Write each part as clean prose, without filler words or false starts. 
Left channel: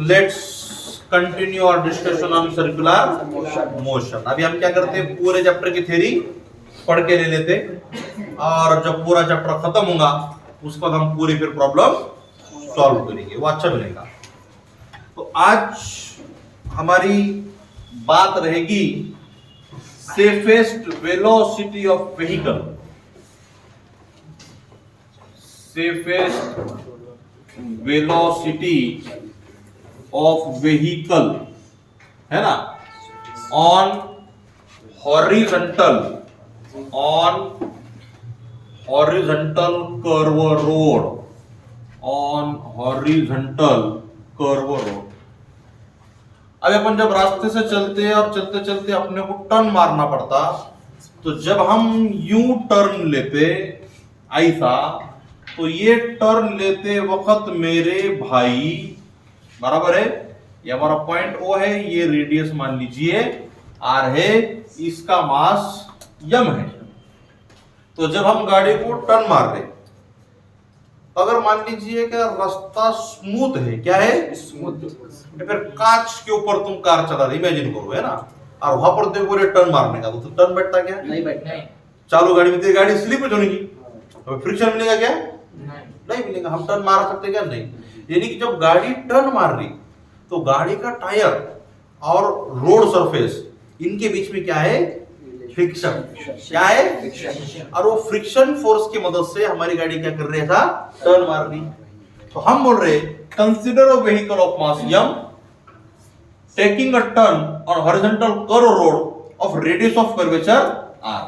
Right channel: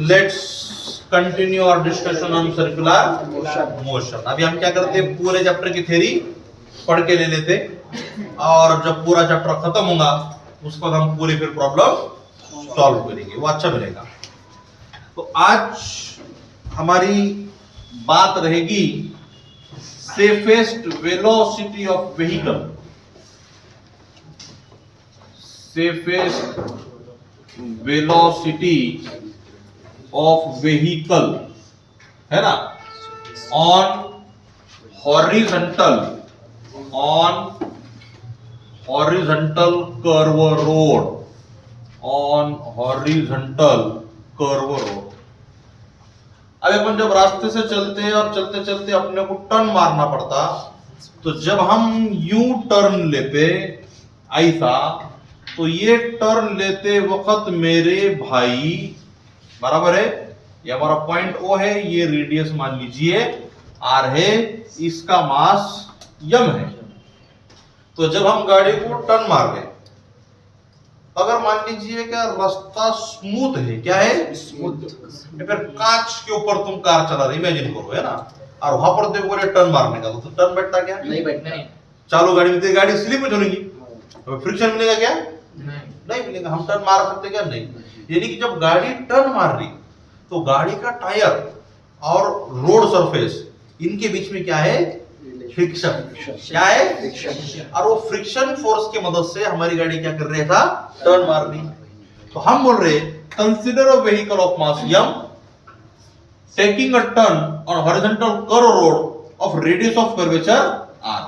Let's continue our discussion on circular motion. अभी हम क्या करते हैं, पूरे चैप्टर की थ्योरी पढ़ के ले लेते, और जब पूरा चैप्टर खत्म होगा उसके बाद हम पूरी फिर प्रॉब्लम सॉल्व करेंगे, वो अच्छा मिलेगा। तो आज हमारी बात रहेगी safest velocity of vehicle. Safest velocity of vehicle है ना, on horizontal curve road, on horizontal curve road. अभी अपन जब रास्ते से चलते हैं और चलते चलते अपने को टर्न मारना पड़ता, तो जब हम यू टर्न लेते ऐसा, तो ये टर्न लेते वक्त मेरे भाई, बराबर है, ये हमारा पॉइंट ओ है, ये रेडियस मान लीजिए आर है, इसका मास यम है। तो जब हम गाड़ी को टर्न मार रहे, अगर मान लीजिए क्या रास्ता स्मूथ है, क्या है स्मूथ, फिर कांच के ऊपर तुम कार चला रहे, इमेजिन करो, है ना, और वहां पर देखो टर्न मारने का, तो टर्न बैठता क्या, नहीं बैठना है। चालू गाड़ी में गाड़ी स्लिप होगी, तो फ्रिक्शन मिलेगा क्या, नहीं मिलेगा। हम टर्न मार सकते क्या, नहीं। यानी कि जब गाड़ी टर्न मार रही तो गाड़ी का टायर और रोड सरफेस इनके बीच में क्या है, फ्रिक्शन, क्या है फ्रिक्शन, और वो फ्रिक्शन फोर्स की मदद से हमारी गाड़ी क्या कर रही था, टर्न मार रही। तो हम बोल रहे consider a vehicle of mass m taking a turn on horizontal curve road of radius of curvature r।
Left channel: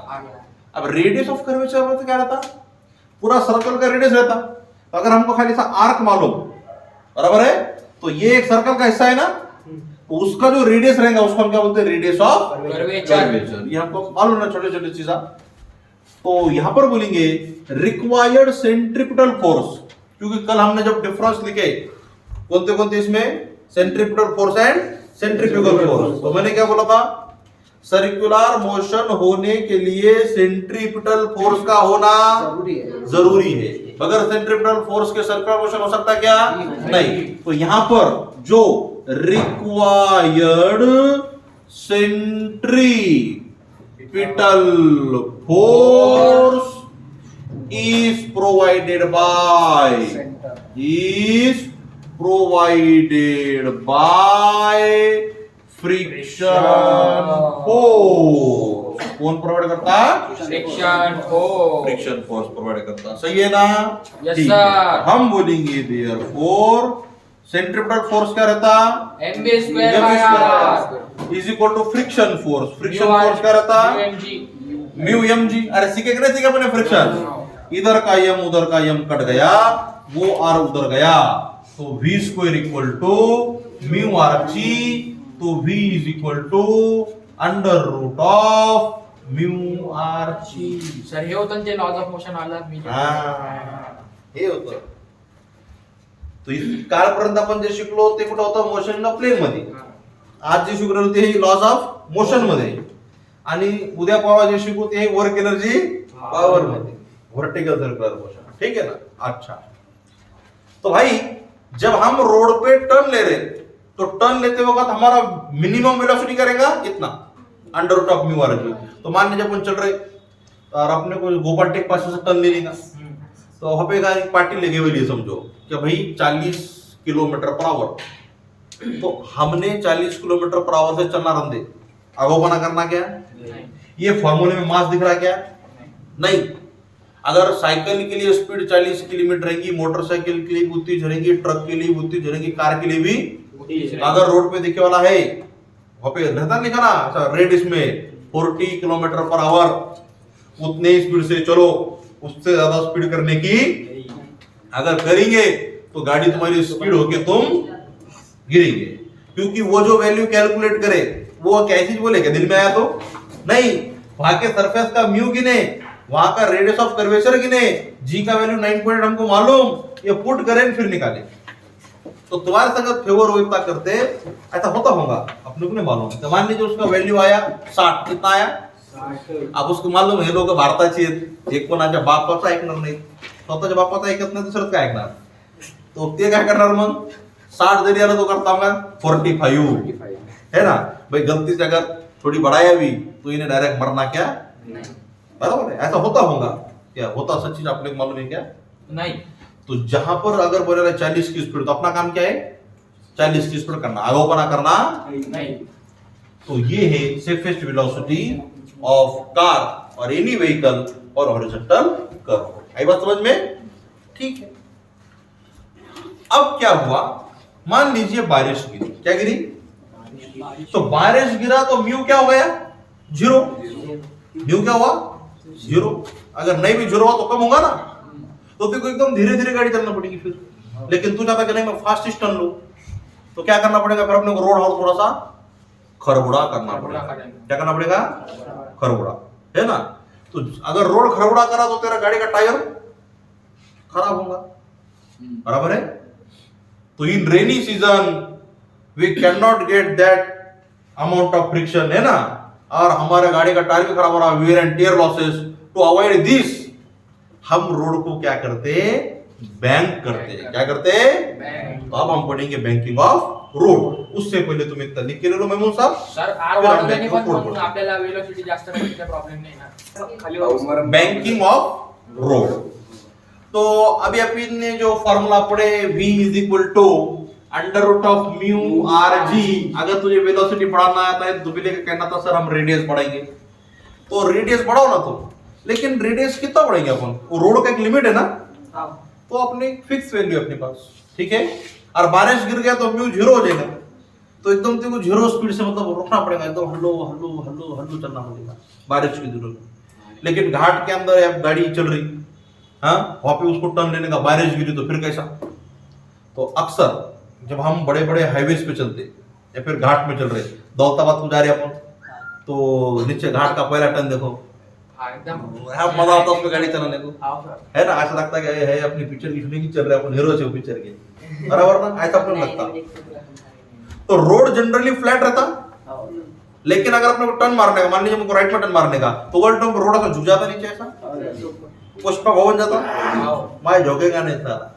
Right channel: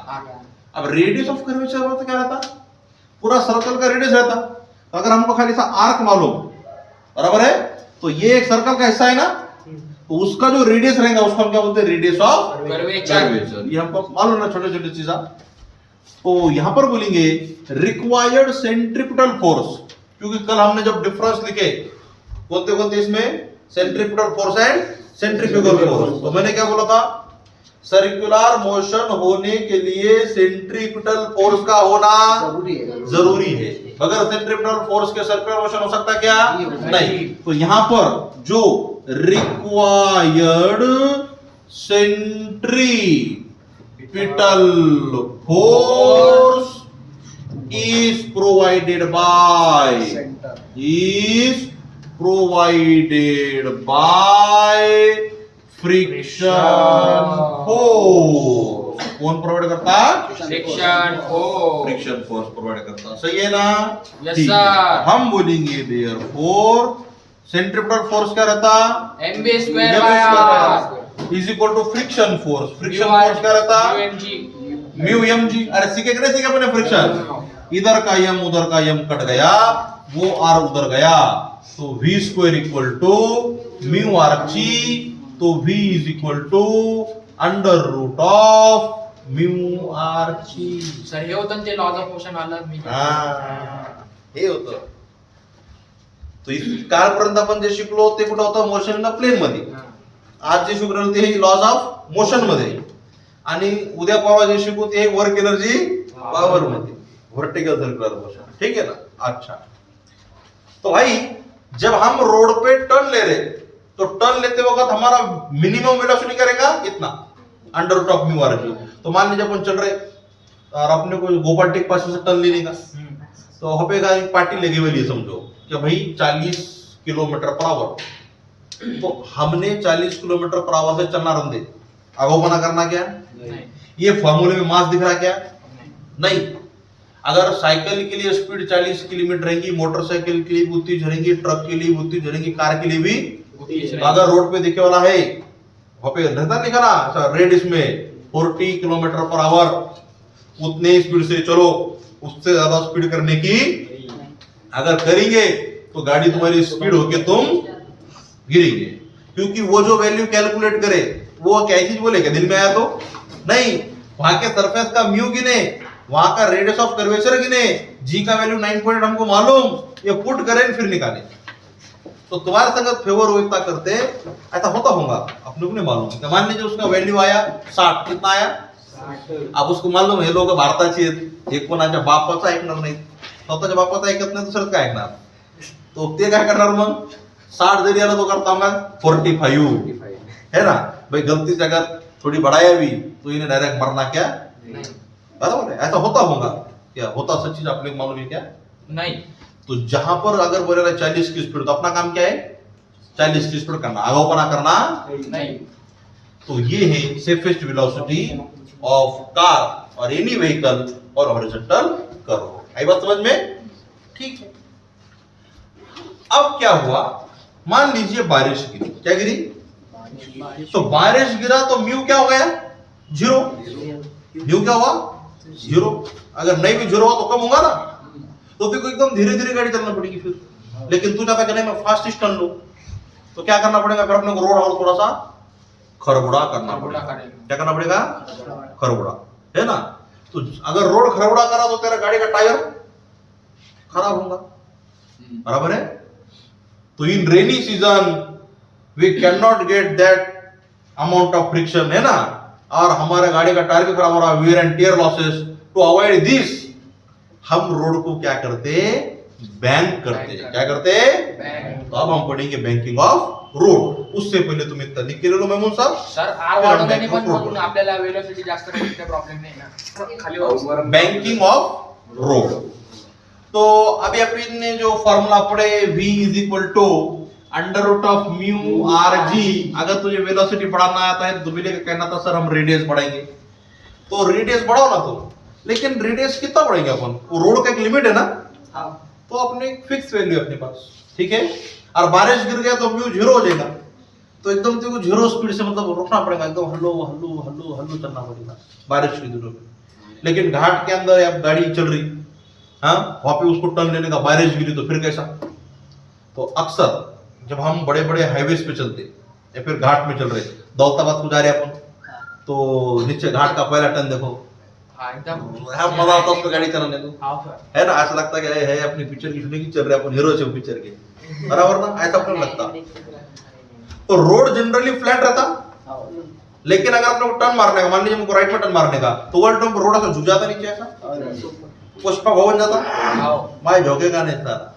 अब रेडियस ऑफ कर्वेचर मतलब क्या रहता, पूरा सर्कल का रेडियस रहता। तो अगर हमको खाली सा आर्क मालूम, बराबर है, तो ये एक सर्कल का हिस्सा है ना, तो उसका जो रेडियस रहेगा उसको हम क्या बोलते हैं, रेडियस ऑफ कर्वेचर। ये हमको मालूम ना, छोटे छोटे चीजा। तो यहां पर बोलेंगे रिक्वायर्ड सेंट्रीपिटल फोर्स, क्योंकि कल हमने जब डिफरेंस लिखे कौन कौन इसमें, centripetal force and centrifugal force, तो मैंने क्या बोला था, सर्कुलर मोशन होने के लिए सेंट्रीपिटल फोर्स का होना जरूरी है। बगैर सेंट्रीपिटल फोर्स के सर्कुलर मोशन हो सकता क्या, नहीं। तो यहां पर जो required centripetal force is provided by friction force। कौन प्रोवाइड करता है, फ्रिक्शन फोर्स प्रोवाइड करता, सही है ना, यस सर। हम बोलेंगे देयरफॉर सेंट्रीपिटल फोर्स क्या रहता, mv square is equal to friction force. Friction force क्या रहता, म्यू mg। अरे सीखे कि नहीं सीखे अपने, फ्रिक्शन, इधर का m उधर का m कट गया, वो r उधर गया, तो v square equal to mu R G, तो v is equal to under root of mu are G. Sir हे होतं ते लॉज ऑफ मोशन वाला मी, हे होतं। तो कालपर्यंत आपण जे शिकलो ते कुठं होतं, मोशन इन प्लेन मध्ये। आज जे शिकलो ते लॉज ऑफ मोशन मध्ये, आणि उद्या परवा जे शिकू ते वर्क एनर्जी पावर मध्ये, वर्टिकल सर्कुलर मोशन, ठीक है ना। अच्छा, तो भाई जब हम रोड पे टर्न ले रहे, तो टर्न लेते वक्त हमारा मिनिमम वेलोसिटी करेगा इतना, under root of mu R G. तो मान लीजिए अपन चल रहे और अपने को गोपाल टेक पास से टर्न ले लेगा, तो वहां पे एक पार्टी लगी हुई है, समझो कि भाई 40 किलोमीटर पर आवर, तो हमने 40 किलोमीटर पर आवर से चलना रन दे, आगोपना करना क्या, ये फॉर्मूले में मास दिख रहा क्या, नहीं। अगर साइकिल के लिए स्पीड 40 किलोमीटर रहेगी, मोटरसाइकिल के लिए भी उतनी रहेगी, ट्रक के लिए भी उतनी रहेगी, कार के लिए भी। अगर रोड पे दिखे वाला है, वहां पे रहता लिखा ना रेड इसमें 40 किलोमीटर पर आवर, उतने स्पीड से चलो, उससे ज्यादा स्पीड करने की अगर करेंगे तो गाड़ी तुम्हारी स्पीड होके तुम गिरेंगे। क्योंकि वो जो वैल्यू कैलकुलेट करे वो क्या चीज बोले, क्या दिल में आया तो नहीं, वहां के सरफेस का म्यू गिने, वहां का रेडियस ऑफ कर्वेचर गिने, जी का वैल्यू 9 हमको मालूम, ये पुट करें फिर निकाले। तो तुम्हारे संगत फेवर हो इतना करते, ऐसा होता होगा अपने को नहीं मालूम। तो मान लीजिए उसका वैल्यू आया 60, कितना आया, अब उसको मालूम हे लोक भारताची आहेत, एक कोणाच्या बापाचं ऐकणार नाही, स्वतःच्या बापाचं ऐकत नाही, दुसरंच काय ऐकणार, तो ते काय करणार मग 60 दे दिया तो करता हूँ 45, है ना भाई। गलती से अगर थोड़ी बढ़ाया भी तो इन्हें डायरेक्ट मरना क्या बराबर है, ऐसा होता होगा क्या, होता सच चीज आपने मालूम है क्या नहीं। तो जहां पर अगर बोले रहे 40 की स्पीड तो अपना काम क्या है 40 की स्पीड करना, आगाऊपना करना नहीं। तो ये है सेफेस्ट वेलोसिटी ऑफ कार और एनी व्हीकल और हॉरिजॉन्टल कर्व। आई बात समझ में, ठीक है। अब क्या हुआ, मान लीजिए बारिश गिरी, क्या गिरी, तो बारिश गिरा तो म्यू क्या हो गया 0, म्यू क्या हुआ 0। अगर नहीं भी 0 हुआ तो कम होगा ना, तो फिर एकदम धीरे धीरे गाड़ी चलना पड़ेगी फिर। लेकिन तू चाहता कि नहीं मैं फास्ट टर्न लूं, तो क्या करना पड़ेगा फिर अपने को रोड और थोड़ा सा खरबुड़ा करना पड़ेगा। क्या करना पड़ेगा, खरबुड़ा, है ना। तो अगर रोड खरबुड़ा करा तो तेरा गाड़ी का टायर खराब होगा, बराबर है। तो in rainy season we can not get that amount of friction, है ना, और हमारे गाड़ी का टायर भी खराब हो रहा, wear and tear losses. To avoid this हम रोड को क्या करते, बैंक करते। क्या करते, तो अब हम पढ़ेंगे बैंकिंग ऑफ रोड। उससे पहले तुम्हें इतना लिख के ले लो मेमून साहब। सर आर वाढवल्याने पण मग आपल्याला वेलोसिटी जास्त राहील, काही प्रॉब्लेम नाही ना खाली बैंकिंग ऑफ रोड। तो अभी अपन ने जो फॉर्मूला पढ़े v is equal to under root of mu are g. अगर तुझे वेलोसिटी बढ़ाना आता है तो दुबले का कहना था सर हम रेडियस बढ़ाएंगे, तो रेडियस बढ़ाओ ना तो, लेकिन रेडियस कितना बढ़ाएंगे अपन, वो रोड का एक लिमिट है ना, तो अपने फिक्स वैल्यू अपने पास, ठीक है। और बारिश गिर गया तो म्यू 0 हो जाएगा, तो एकदम तेरे को 0 स्पीड से मतलब रुकना पड़ेगा, एकदम हल्लो हल्लो हल्लो हल्लो चलना पड़ेगा बारिश की जरूरत में। लेकिन घाट के अंदर अब गाड़ी चल रही, हाँ, वहां पे उसको टर्न लेने का, बारिश गिरी तो फिर कैसा। तो अक्सर जब हम बड़े बड़े हाईवेज पे चलते या फिर घाट में चल रहे, दौलताबाद को जा रहे अपन, तो नीचे घाट का पहला टर्न देखो, मजा आता उसमें गाड़ी चलाने को, है ना। ऐसा लगता है अपनी पिक्चर की शूटिंग चल रही है, अपन हीरो है पिक्चर के, बराबर ना, ऐसा अपन लगता। तो रोड जनरली फ्लैट रहता, लेकिन अगर अपने को टर्न मारने का, मान लीजिए हमको राइट में टर्न मारने का, तो वर्ल्ड टर्न रोड ऐसा झुक जाता नीचे, ऐसा पुष्पा भवन जाता, मैं झोंकेगा नहीं सारा,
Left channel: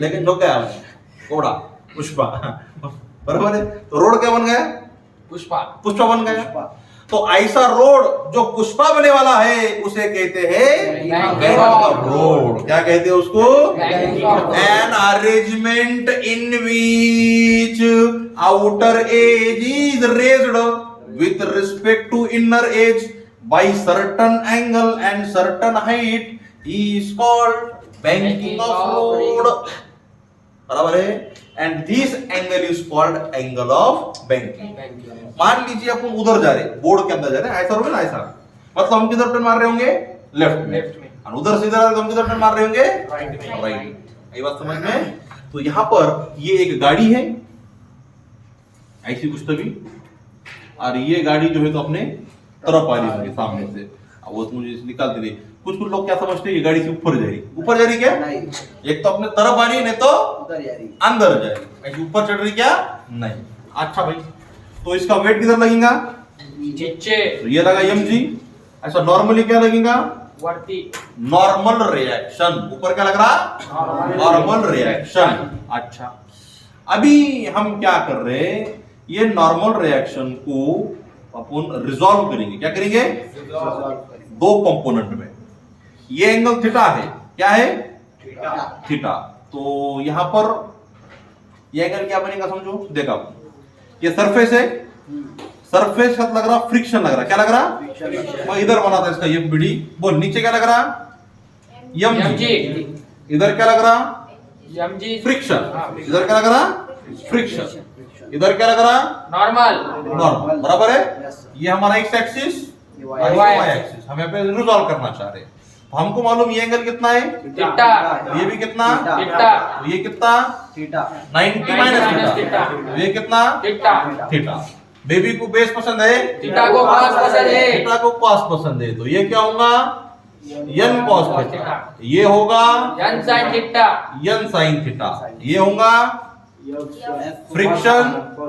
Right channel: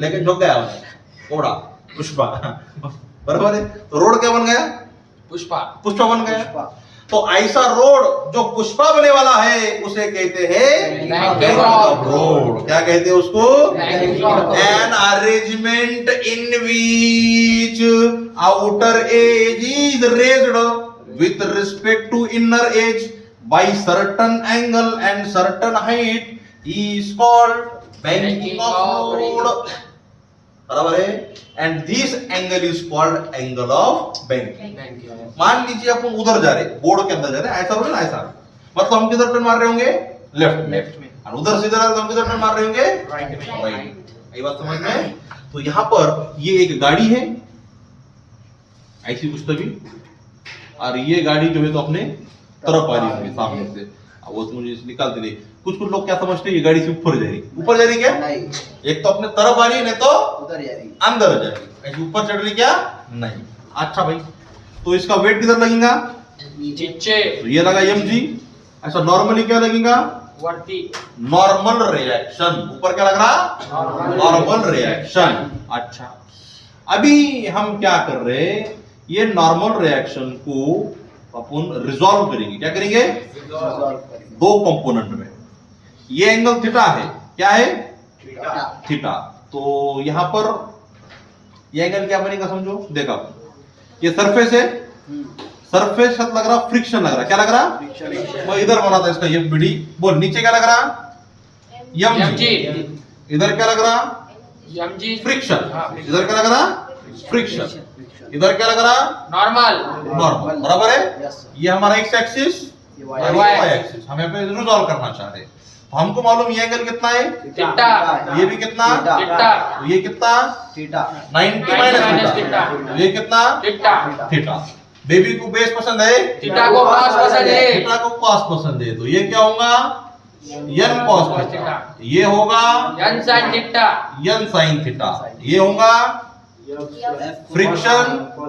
लेकिन झोंक गया घोड़ा पुष्पा, बराबर है। तो रोड क्या बन गया, पुष्पा, पुष्पा बन गया। तो ऐसा रोड जो पुष्पा बने वाला है उसे कहते हैं बैंकिंग ऑफ रोड। क्या कहते हैं उसको, an arrangement in which outer edge is raised with respect to inner edge by certain angle and certain height is called banking of road, बराबर है। And this angle is called angle of banking. मान लीजिए अपन उधर जा रहे, board के अंदर जा रहे, ऐसा होगा ना, ऐसा मतलब हम किधर टर्न मार रहे होंगे, लेफ्ट में, और उधर से इधर हम किधर टर्न मार रहे होंगे, राइट। ये बात समझ में। तो यहां पर ये एक गाड़ी है ऐसी कुछ तभी, और ये गाड़ी जो है तो अपने तरफ आ रही होगी सामने से, वो तो मुझे निकालते थे। कुछ लोग क्या समझते हैं ये गाड़ी से ऊपर जा रही, ऊपर जा रही क्या, एक तो अपने तरफ आ रही है, नहीं तो उधर जा रही, अंदर जा रही, ऐसे ऊपर चढ़ रही क्या, नहीं। अच्छा भाई, तो इसका वेट किधर लगेगा, नीचे, तो ये लगा mg। ऐसा नॉर्मली क्या लगेगा, नॉर्मल रिएक्शन, ऊपर क्या लग रहा, नॉर्मल रिएक्शन। अच्छा, अभी हम क्या कर रहे हैं, ये नॉर्मल रिएक्शन को अपन रिजॉल्व करेंगे। क्या करेंगे, दो कंपोनेंट में। ये एंगल थीटा है, क्या है, थीटा। तो यहां पर ये एंगल क्या बनेगा समझो, देखा ये सरफेस है, सरफेस साथ लग रहा फ्रिक्शन लग रहा, क्या लग रहा, मैं इधर बना था इसका एफ बी डी, बोल नीचे क्या लग रहा, mg, इधर क्या लग रहा, mg फ्रिक्शन, इधर क्या लग रहा, फ्रिक्शन, इधर क्या लग रहा, नॉर्मल, बराबर है। ये हमारा एक्स एक्सिस और वाई एक्सिस, हम यहाँ पे रिजॉल्व करना चाह रहे हैं। तो हमको मालूम ये एंगल कितना है, थीटा, ये भी कितना, थीटा, ये कितना, थीटा, 90 माइनस थीटा, ये कितना, थीटा। बेबी को बेस पसंद है, थीटा को कॉस पसंद है, थीटा को कॉस पसंद है, तो ये क्या होगा, n cos थीटा, ये होगा n sin theta, n sin theta, ये होगा फ्रिक्शन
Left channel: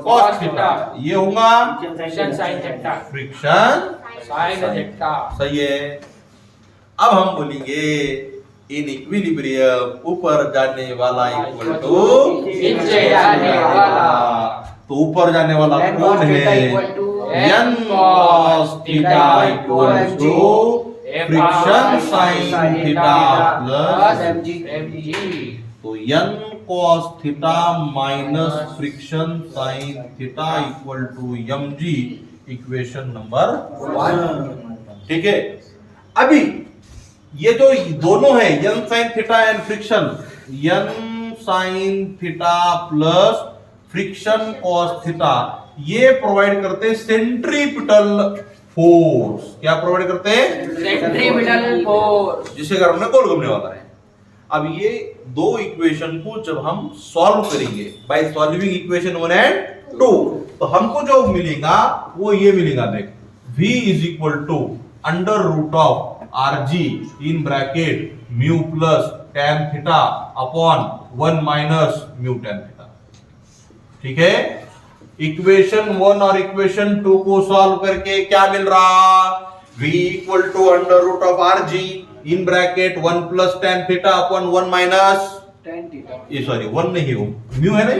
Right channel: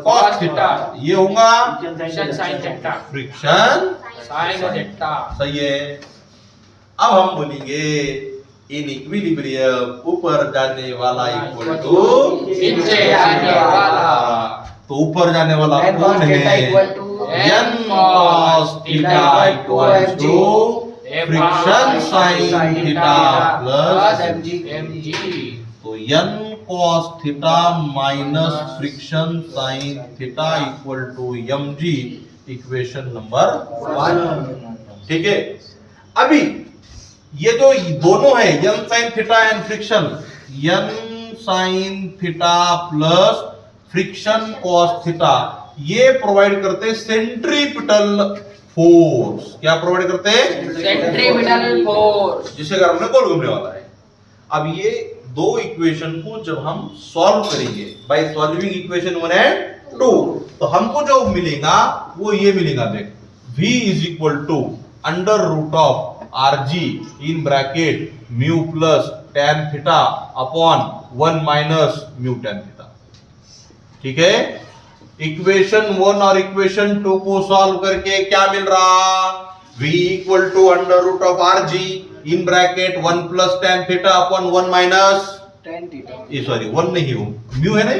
cos थीटा, ये होगा friction sin theta, friction sin theta, सही है। अब हम बोलेंगे इन इक्विलिब्रियम ऊपर जाने वाला इक्वल टू नीचे जाने वाला। तो ऊपर जाने वाला N कौन cos theta है? equal to n cos theta equal to friction sine theta plus mg। तो n cos theta minus friction sine theta equal to mg equation number 1। ठीक है, अभी ये जो दोनों है n sin theta and friction, n sin theta plus friction cos theta, ये provide करते सेंट्रीपिटल फोर्स। क्या प्रोवाइड करते हैं? Centripetal force. जिसके कारण में गोल घूमने वाला है। अब ये दो इक्वेशन को जब हम सॉल्व करेंगे बाय सॉल्विंग इक्वेशन 1 एंड 2, तो हमको जो मिलेगा वो ये मिलेगा, देख v is equal to under root of r g in bracket mu plus tan theta upon 1 minus mu tan theta. ठीक है, इक्वेशन 1 और इक्वेशन 2 को सॉल्व करके क्या मिल रहा? v equal to under root of r g in bracket 1 plus tan theta upon 1 minus tan theta ये sorry 1 नहीं हो, म्यू है ना,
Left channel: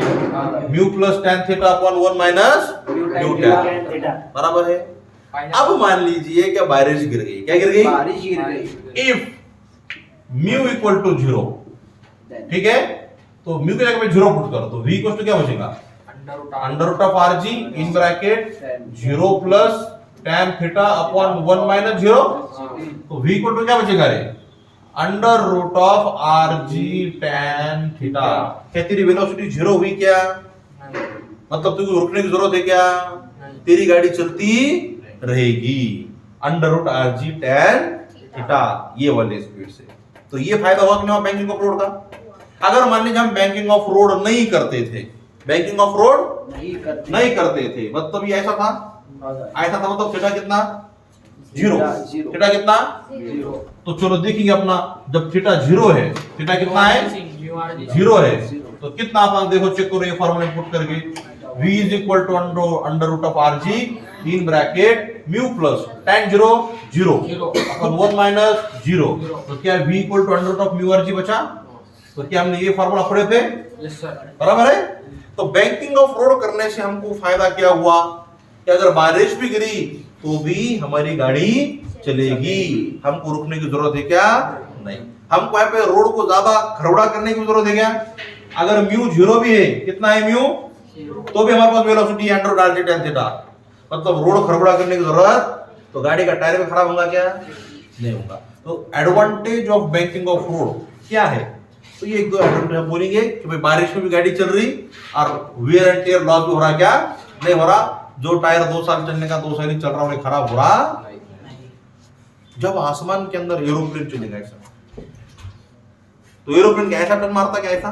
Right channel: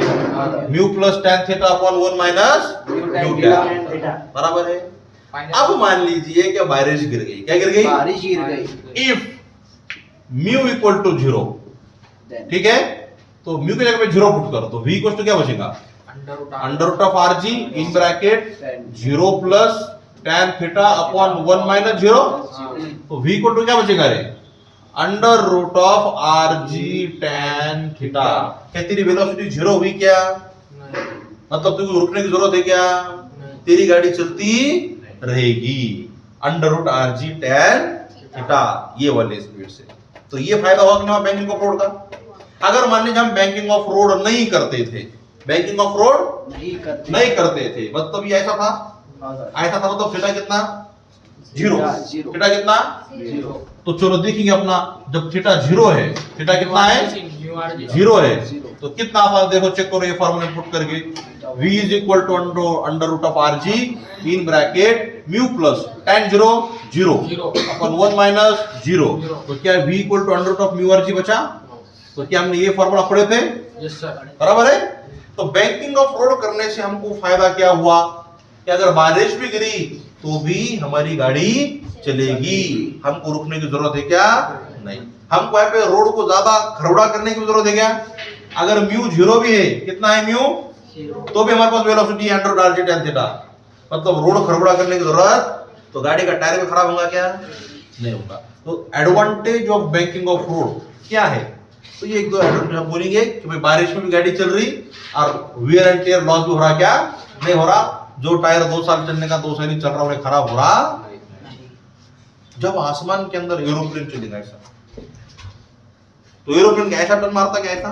mu plus tan theta upon 1 minus mu tan theta। बराबर है। अब मान लीजिए कि बारिश गिर गई। क्या गिर गई? बारिश गिर गई। इफ म्यू इक्वल टू 0, ठीक है, तो म्यू की जगह पे 0 पुट करो तो v इक्वल टू क्या बचेगा? Under root of r g in bracket 0 plus tan theta upon 1 minus 0, तो v इक्वल टू क्या बचेगा रे? Under root of r g tan theta. क्या तेरी वेलोसिटी 0 हुई क्या? मतलब तुझे रुकने की जरूरत है क्या? तेरी गाड़ी चलती रहेगी under root r g tan theta ये वाले स्पीड से। तो ये फायदा हुआ कि नहीं बैंकिंग ऑफ रोड का? अगर मान लीजिए हम बैंकिंग ऑफ रोड नहीं करते थे, बैंकिंग ऑफ रोड नहीं करते थे, मतलब ये ऐसा था, ऐसा था, मतलब थीटा कितना? 0। थीटा कितना? 0। तो चलो देखेंगे अपना, जब थीटा 0 है, थीटा कितना है? 0 है, तो कितना आता है देखो, चेक करो ये फॉर्मूला पुट करके, v is equal to under root of r g in bracket mu plus tan 0 0 upon 1 minus 0, तो क्या v equal to under root of mu are g बचा? तो क्या हमने ये फॉर्मूला पढ़े थे? Yes sir. बराबर है। तो बैंकिंग ऑफ रोड करने से हमको फायदा क्या हुआ कि अगर बारिश भी गिरी तो भी हमारी गाड़ी चलेगी, हमको रुकने की जरूरत है क्या? नहीं। हमको यहाँ पे रोड को ज्यादा खरवड़ा करने की जरूरत है क्या? अगर म्यू 0 भी है, कितना है म्यू, तो भी हमारे पास वेलोसिटी है under root r g tan theta, मतलब रोड खरवड़ा करने की जरूरत, तो गाड़ी का टायर भी खराब होगा क्या? नहीं होगा। तो advantage of banking of road क्या है? तो ये एक दो एडवांटेज हम बोलेंगे कि भाई बारिश में भी गाड़ी चल रही और वियर एंड टियर लॉस भी हो रहा, क्या नहीं हो रहा? जो टायर 2 साल चलने का 2 साल नहीं चल रहा, उन्हें खराब हो रहा। जब आसमान के अंदर एरोप्लेन चलेगा ऐसा, तो एरोप्लेन क्या ऐसा टर्न मारता क्या? ऐसा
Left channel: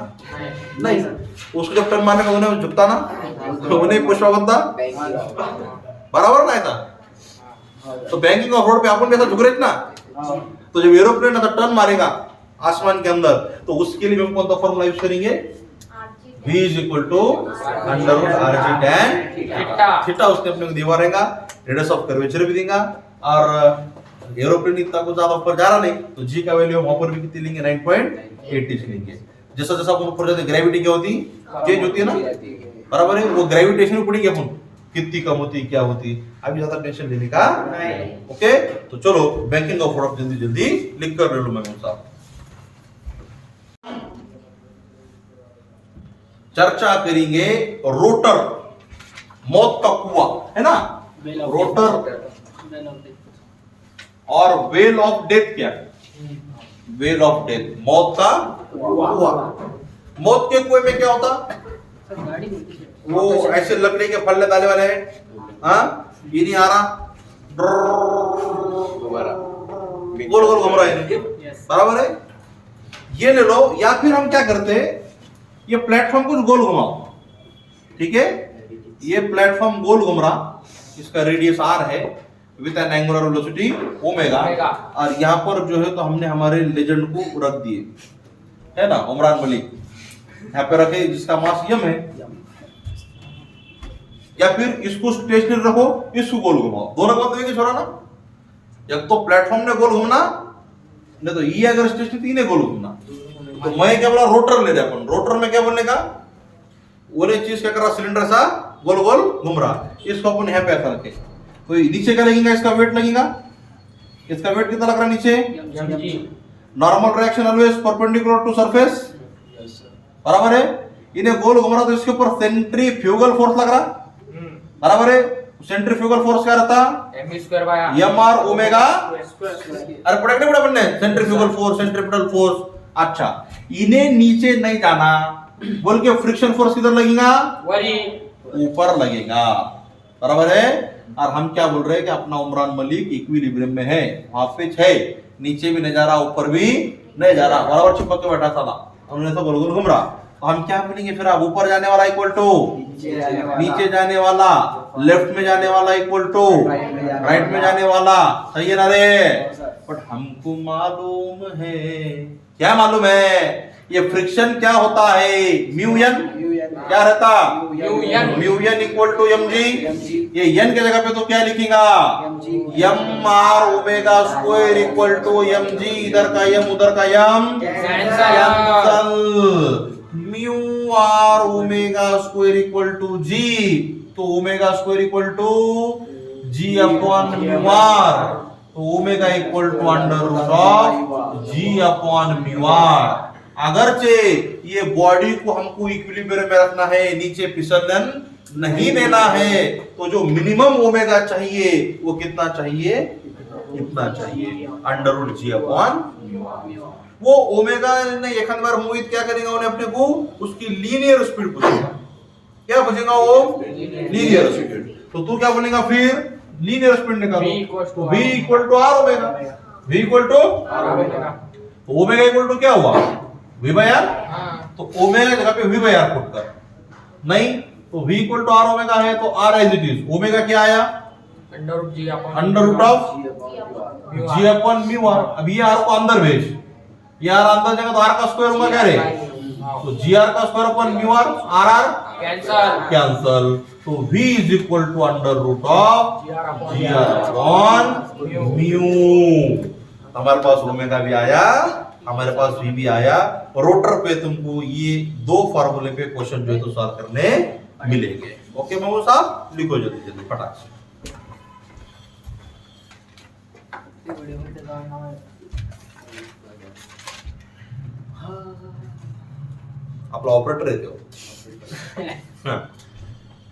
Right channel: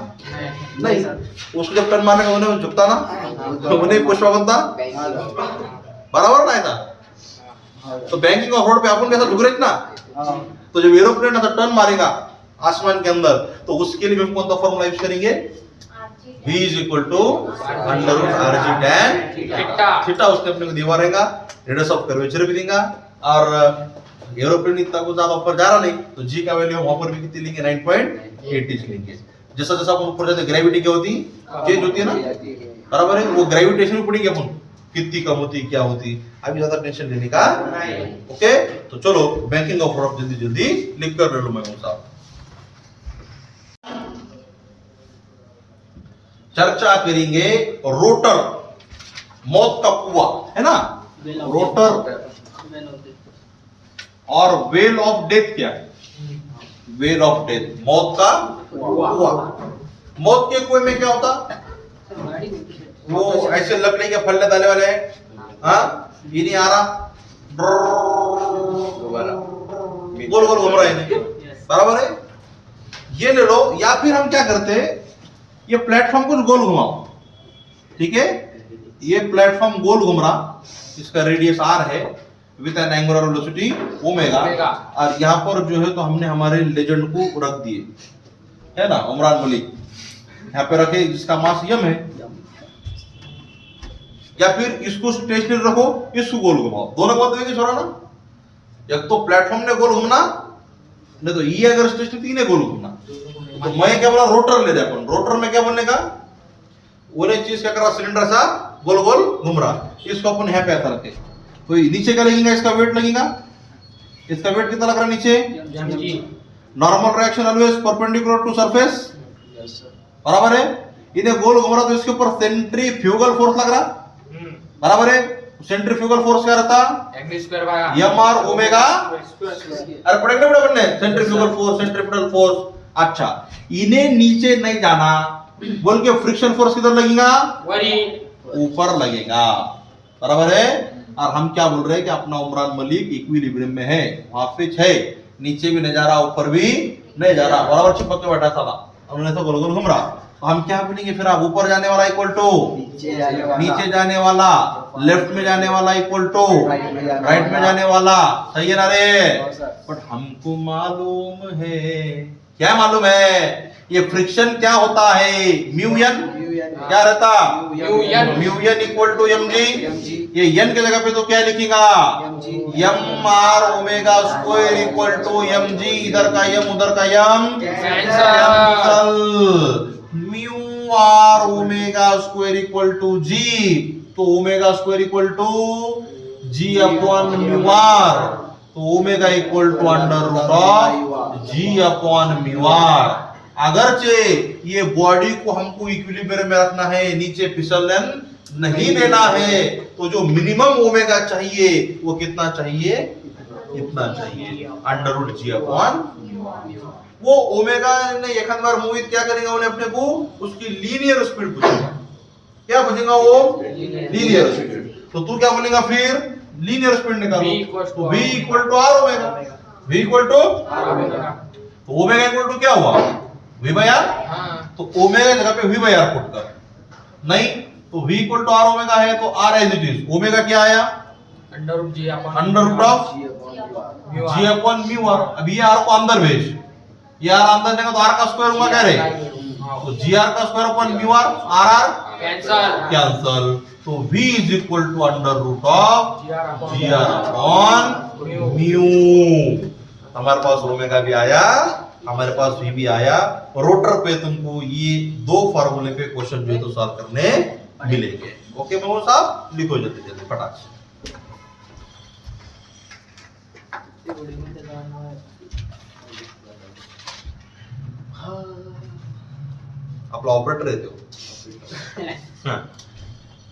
नहीं, उसको जब टर्न मारने का उन्हें झुकता ना, उन्हें पुष्पा बनता, बराबर ना ऐसा। तो बैंकिंग ऑफ रोड पे अपन भी ऐसा झुक रहे ना, तो जब एरोप्लेन ऐसा टर्न मारेगा आसमान के अंदर, तो उसके लिए हम कौन सा फॉर्मूला यूज करेंगे? v is equal to under root r g tan theta. उसने अपने को दिया रहेगा, रेडियस ऑफ कर्वेचर भी देगा, और एरोप्लेन इतना कुछ ज्यादा ऊपर जा रहा नहीं, तो g का वैल्यू वहां पर भी कितनी लेंगे? 9.80 लेंगे। जैसा जैसा अपन ऊपर जाते ग्रेविटी क्या होती? चेंज होती है ना, बराबर है। वो ग्रेविटेशन भी पढ़ेंगे अपन, कितनी कम होती क्या होती। अभी ज्यादा टेंशन लेने का ओके। तो चलो बैंकिंग ऑफ रोड जल्दी जल्दी लिख कर ले लो मैं साहब। चर्चा करेंगे रोटर, मौत का कुआं है ना, रोटर, और वेल ऑफ डेथ क्या है? वेल ऑफ डेथ, मौत का कुआं। मौत के कुएं में क्या होता? वो ऐसे लकड़ी के फल्ले डाले वाले हैं, हाँ, ये नहीं आ रहा, गोल गोल घूम रहा है, बराबर है। ये ले लो, या फिर हम क्या करते हैं, ये प्लेटफॉर्म कुछ गोल घुमाओ, ठीक है, ये प्लेटफॉर्म गोल घूम रहा, इसका रेडियस r है with N angular velocity omega, और यहाँ पर जो है तो हमने हमारे लेजेंड को रख दिए, है ना, उमरान मलिक यहाँ पे रखे, जिसका मास यम है। या फिर इसको स्टेशनरी रखो, इसको गोल घुमाओ, दोनों बात देंगे छोड़ा ना। एक तो प्लेटफॉर्म ने गोल घूमना, नहीं तो ये अगर स्टेशनरी तो इन्हें गोल घूमना। तो मैं क्या बोला, रोटर ले रहे अपन। रोटर में क्या बोलने का, वो चीज क्या कर रहा, सिलेंडर सा गोल गोल घूम रहा। इसको अपन यहाँ पे ऐसा रखे, तो नीचे क्या लगेगा, इसका वेट लगेगा। इसका वेट कितना लग रहा है नीचे? Normal reaction always perpendicular to surface, बराबर है। इन्हें गोल घूम रहा तो इसके ऊपर सेंट्रीफ्यूगल फोर्स लग रहा, बराबर है। सेंट्रीफ्यूगल फोर्स क्या रहता, एम आर ओमेगा। अरे पढ़े नहीं पढ़े सेंट्रीफ्यूगल फोर्स, सेंट्रीपिटल फोर्स। अच्छा, इन्हें नीचे नहीं जाना बोल के फ्रिक्शन फोर्स किधर लगेगा, ऊपर लगेगा, बराबर है। और हम क्या बोल रहे हैं कि अपना उमरान मलिक इक्विलिब्रियम में है, हाफिज है, नीचे भी नहीं जा रहा ऊपर भी नहीं जा रहा, बराबर चिपक के बैठा था, उन्होंने तो गोल गोल घूम रहा। तो हम क्या बोलेंगे फिर, आप ऊपर जाने वाला इक्वल टू नीचे जाने वाला, लेफ्ट में जाने वाला इक्वल टू राइट में जाने वाला, सही है ना रे। बट हमको मालूम है, क्या मालूम है, ये फ्रिक्शन क्या होता है, म्यू एन क्या रहता, mu N equal to M G. ये एन के जगह पे तो क्या लिखेगा, M R omega square equal to M G. इधर का एम उधर का M cancel, mu R omega square equal to G. तो omega square equal to G upon mu R, तो omega equal to under root of ji upon mu R. अगरचे ये body को हमको इक्विलिब्रियम में रखना है, नीचे फिसलन नहीं देना है, तो जो मिनिमम ओमेगा चाहिए वो कितना चाहिए, इतना चाहिए, अंडर रूट जी अपॉन। वो ओमेगा ने एक बार मोहित क्या करेगा, उन्हें अपने को उसकी लीनियर स्पीड पूछेगा। क्या पूछेगा वो, लीनियर स्पीड। तो तू क्या बोलेगा फिर, लीनियर स्पीड निकालो, तो v equal to r omega, v equal to, तो ओमेगा इक्वल टू क्या हुआ, v बाय आर। तो ओमेगा जगह पे v बाय आर पुट कर, नहीं तो v equal to r omega है, तो r as it is, omega क्या आया, under root of ji upon mu r. अब ये r को अंदर भेज, ये r अंदर जाएगा तो r का स्क्वायर होगा क्या रे, तो जी आर का square upon mu r, r r cancel. तो v is equal to under root of g r upon mu. हमारे पास ओमेगा भी आया, हमारे पास v भी आया। रोटर पे तुमको ये दो फार्मूले पे क्वेश्चन जो है तो सॉल्व करने मिलेंगे। ओके महबूब साहब, लिखो जल्दी जल्दी फटाक से। आपला ऑपरेटर येते हो,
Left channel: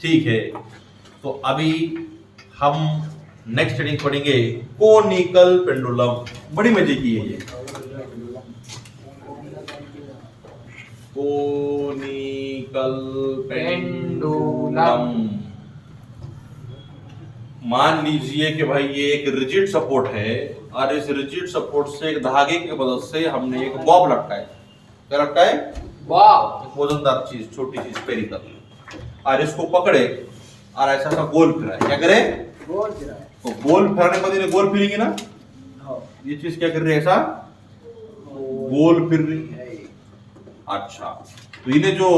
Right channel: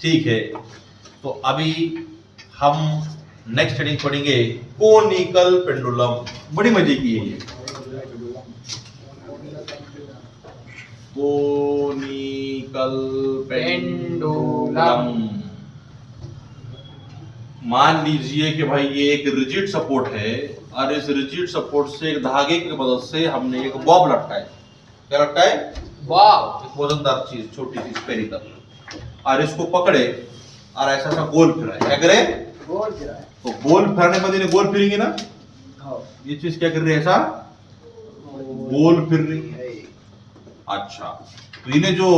ठीक है। तो अभी हम नेक्स्ट हेडिंग पढ़ेंगे कोनिकल पेंडुलम। बड़ी मजे की है ये कोनिकल पेंडुलम। मान लीजिए कि भाई ये एक रिजिड सपोर्ट है, और इस रिजिड सपोर्ट से एक धागे की मदद से हमने एक बॉब लटकाया। क्या लटकाए, बॉब, वजनदार चीज, छोटी चीज स्फेरिकल, और इसको पकड़े और ऐसा सा गोल फिराए। क्या करे, गोल फिराए। तो गोल फिराने के बाद इन्हें गोल फिरेंगे ना, ये चीज क्या कर रही है, ऐसा गोल फिर रही है। अच्छा, तो इन्हें जो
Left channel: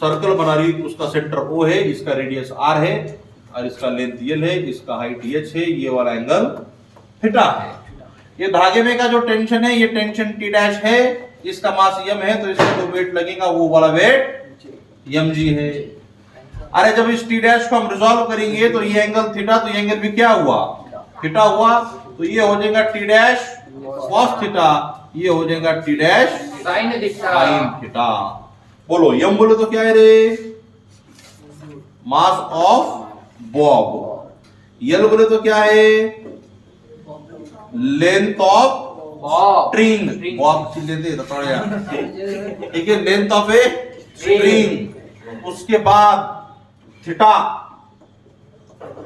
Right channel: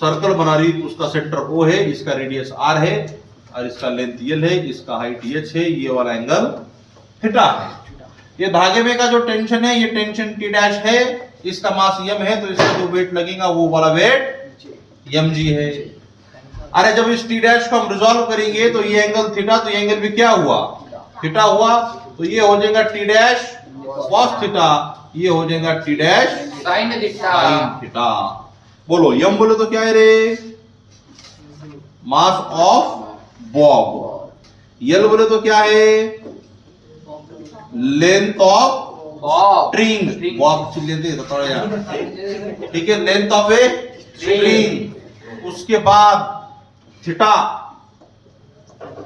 सर्कल बना रही उसका सेंटर O है, इसका रेडियस R है, और इसका लेंथ L है, इसका हाइट H है, ये वाला एंगल थीटा है। ये धागे में का जो टेंशन है, ये टेंशन T डैश है, इसका मास m है, तो इसका जो वेट लगेगा वो वाला वेट mg है। अरे जब इस T डैश को हम रिजॉल्व करेंगे तो ये एंगल थीटा, तो ये एंगल भी क्या हुआ, थीटा हुआ। तो ये हो जाएगा T डैश cos थीटा, ये हो जाएगा T डैश sin थीटा। बोलो m बोले तो क्या है रे, मास ऑफ बॉब। L बोले तो क्या है, लेंथ ऑफ स्ट्रिंग। बॉब लेते ठीक है, लेंथ ऑफ ए स्ट्रिंग। उसके बाद theta,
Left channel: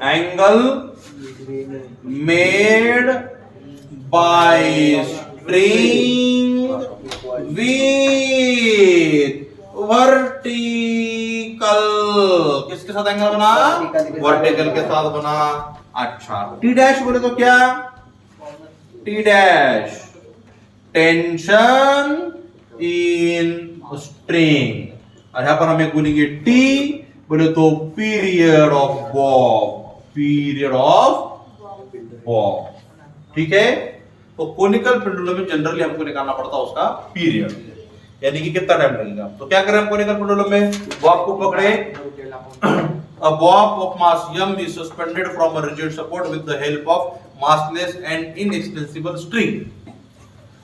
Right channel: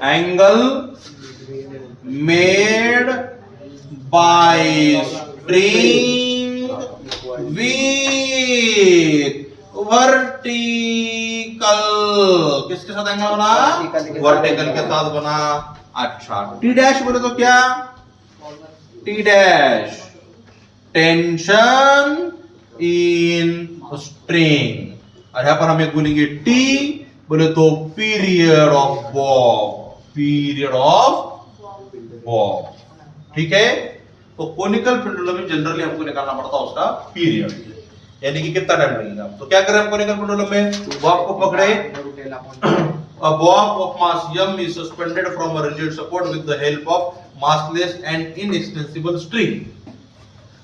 angle made by string with vertical. किसके साथ एंगल बना, वर्टिकल के साथ बना। अच्छा, टी डैश बोले तो क्या, T dash tension in string, और यहां पर हम एक बोलेंगे टी बोले तो period of Bob, period of Bob. ठीक है, तो कोनिकल पेंडुलम में जनरली हमको निकालना पड़ता है उसका पीरियड, यानी कि कितना टाइम लगेगा। तो क्या करें हम कोनिकल पेंडुलम में, बॉब को पकड़े, a bob of mass m is suspended from a rigid support with the help of massless and inextensible string.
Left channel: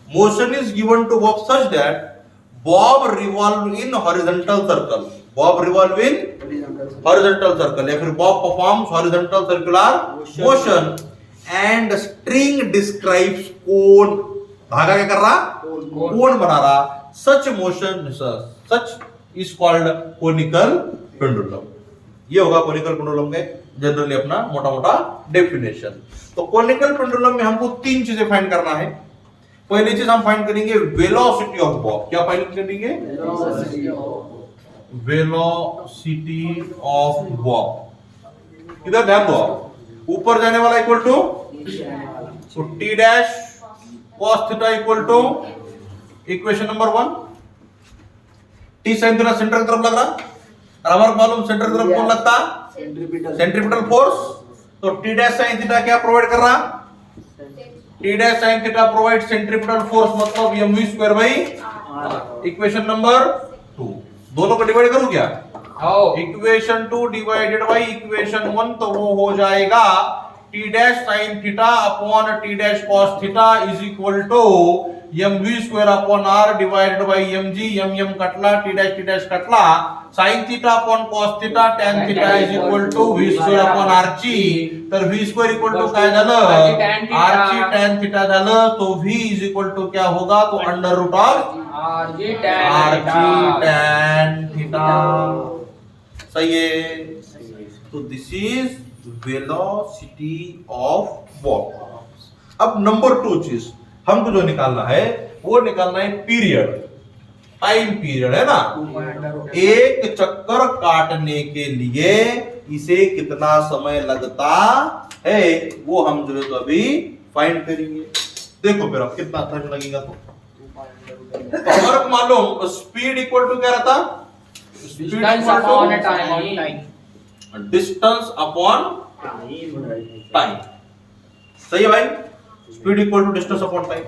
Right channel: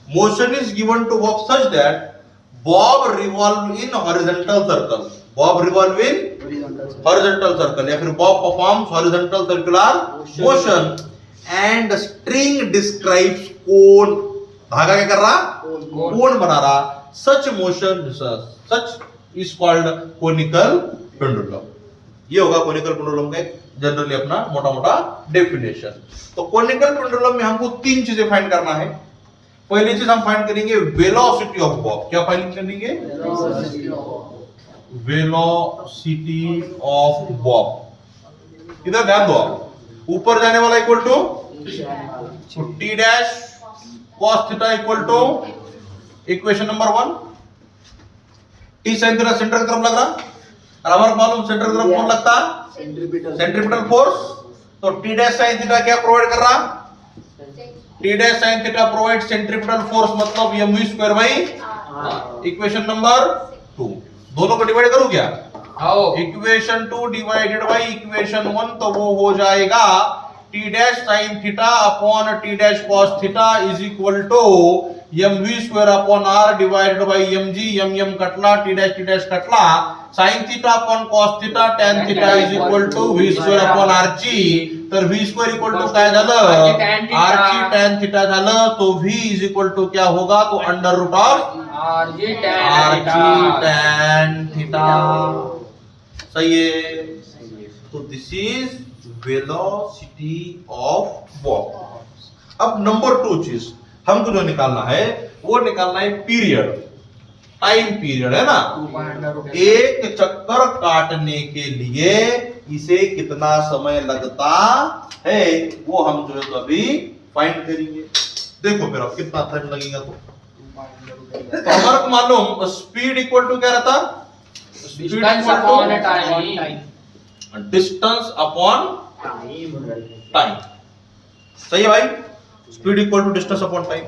Motion is given to bob such that bob revolve in horizontal circle, bob revolve in horizontal circle, या फिर bob performs horizontal circular motion and string describes cone, धागा क्या कर रहा, कोण बना रहा, such motion such is called conical pendulum। ये होगा कोनिकल पेंडुलम का जनरली अपना मोटा मोटा डेफिनेशन। तो कोनिकल पेंडुलम में हमको तीन चीजें फाइंड करना है। पहली चीज हम फाइंड करेंगे वेलोसिटी ऑफ बॉब। क्या फाइंड करेंगे, वेलोसिटी ऑफ बॉब। इधर ध्यान दो, आप ऊपर जाने वाला equal to T dash cos theta equal to equation number 1, T sine theta centre की तरफ लग रहा, और हमारे मालूम सेंटर की तरफ कौन लगता है, सेंट्रीपिटल फोर्स। तो टी डैश साइन थीटा क्या प्रोवाइड कर रहा, T dash sine theta provide centripetal force, मतलब mv square by equation number 2। दोनों को डिवाइड करूं क्या, इक्वेशन 2 डिवाइडेड बाई इक्वेशन 1, तो वो हो जाएगा T dash sine theta upon T dash cos theta is equal to mv square upon r divided by mg, m कटला, टी डैश कटला, sin theta upon cos theta tan theta is equal to v square upon rg। तर v square equal to काय झालं, rg tan theta झालं। तो v is equal to क्या होगा, तो under root of rg tan theta. सही है। तो this is velocity of bob. अब नंबर 2 चीज हमको जो निकालना है वो निकालना है पीरियड, टाइम पीरियड है ना। एक चक्कर काटने के लिए इसे कितना समय लगता है वो हम जो है तो अभी फाइंड करेंगे। देखो फिर अब कितना टाइम लगेगा। तो हमारे को मालूम स्पीड इक्वल टू क्या रहता, speed equal to distance upon time. सही है भाई, speed equal to distance upon time.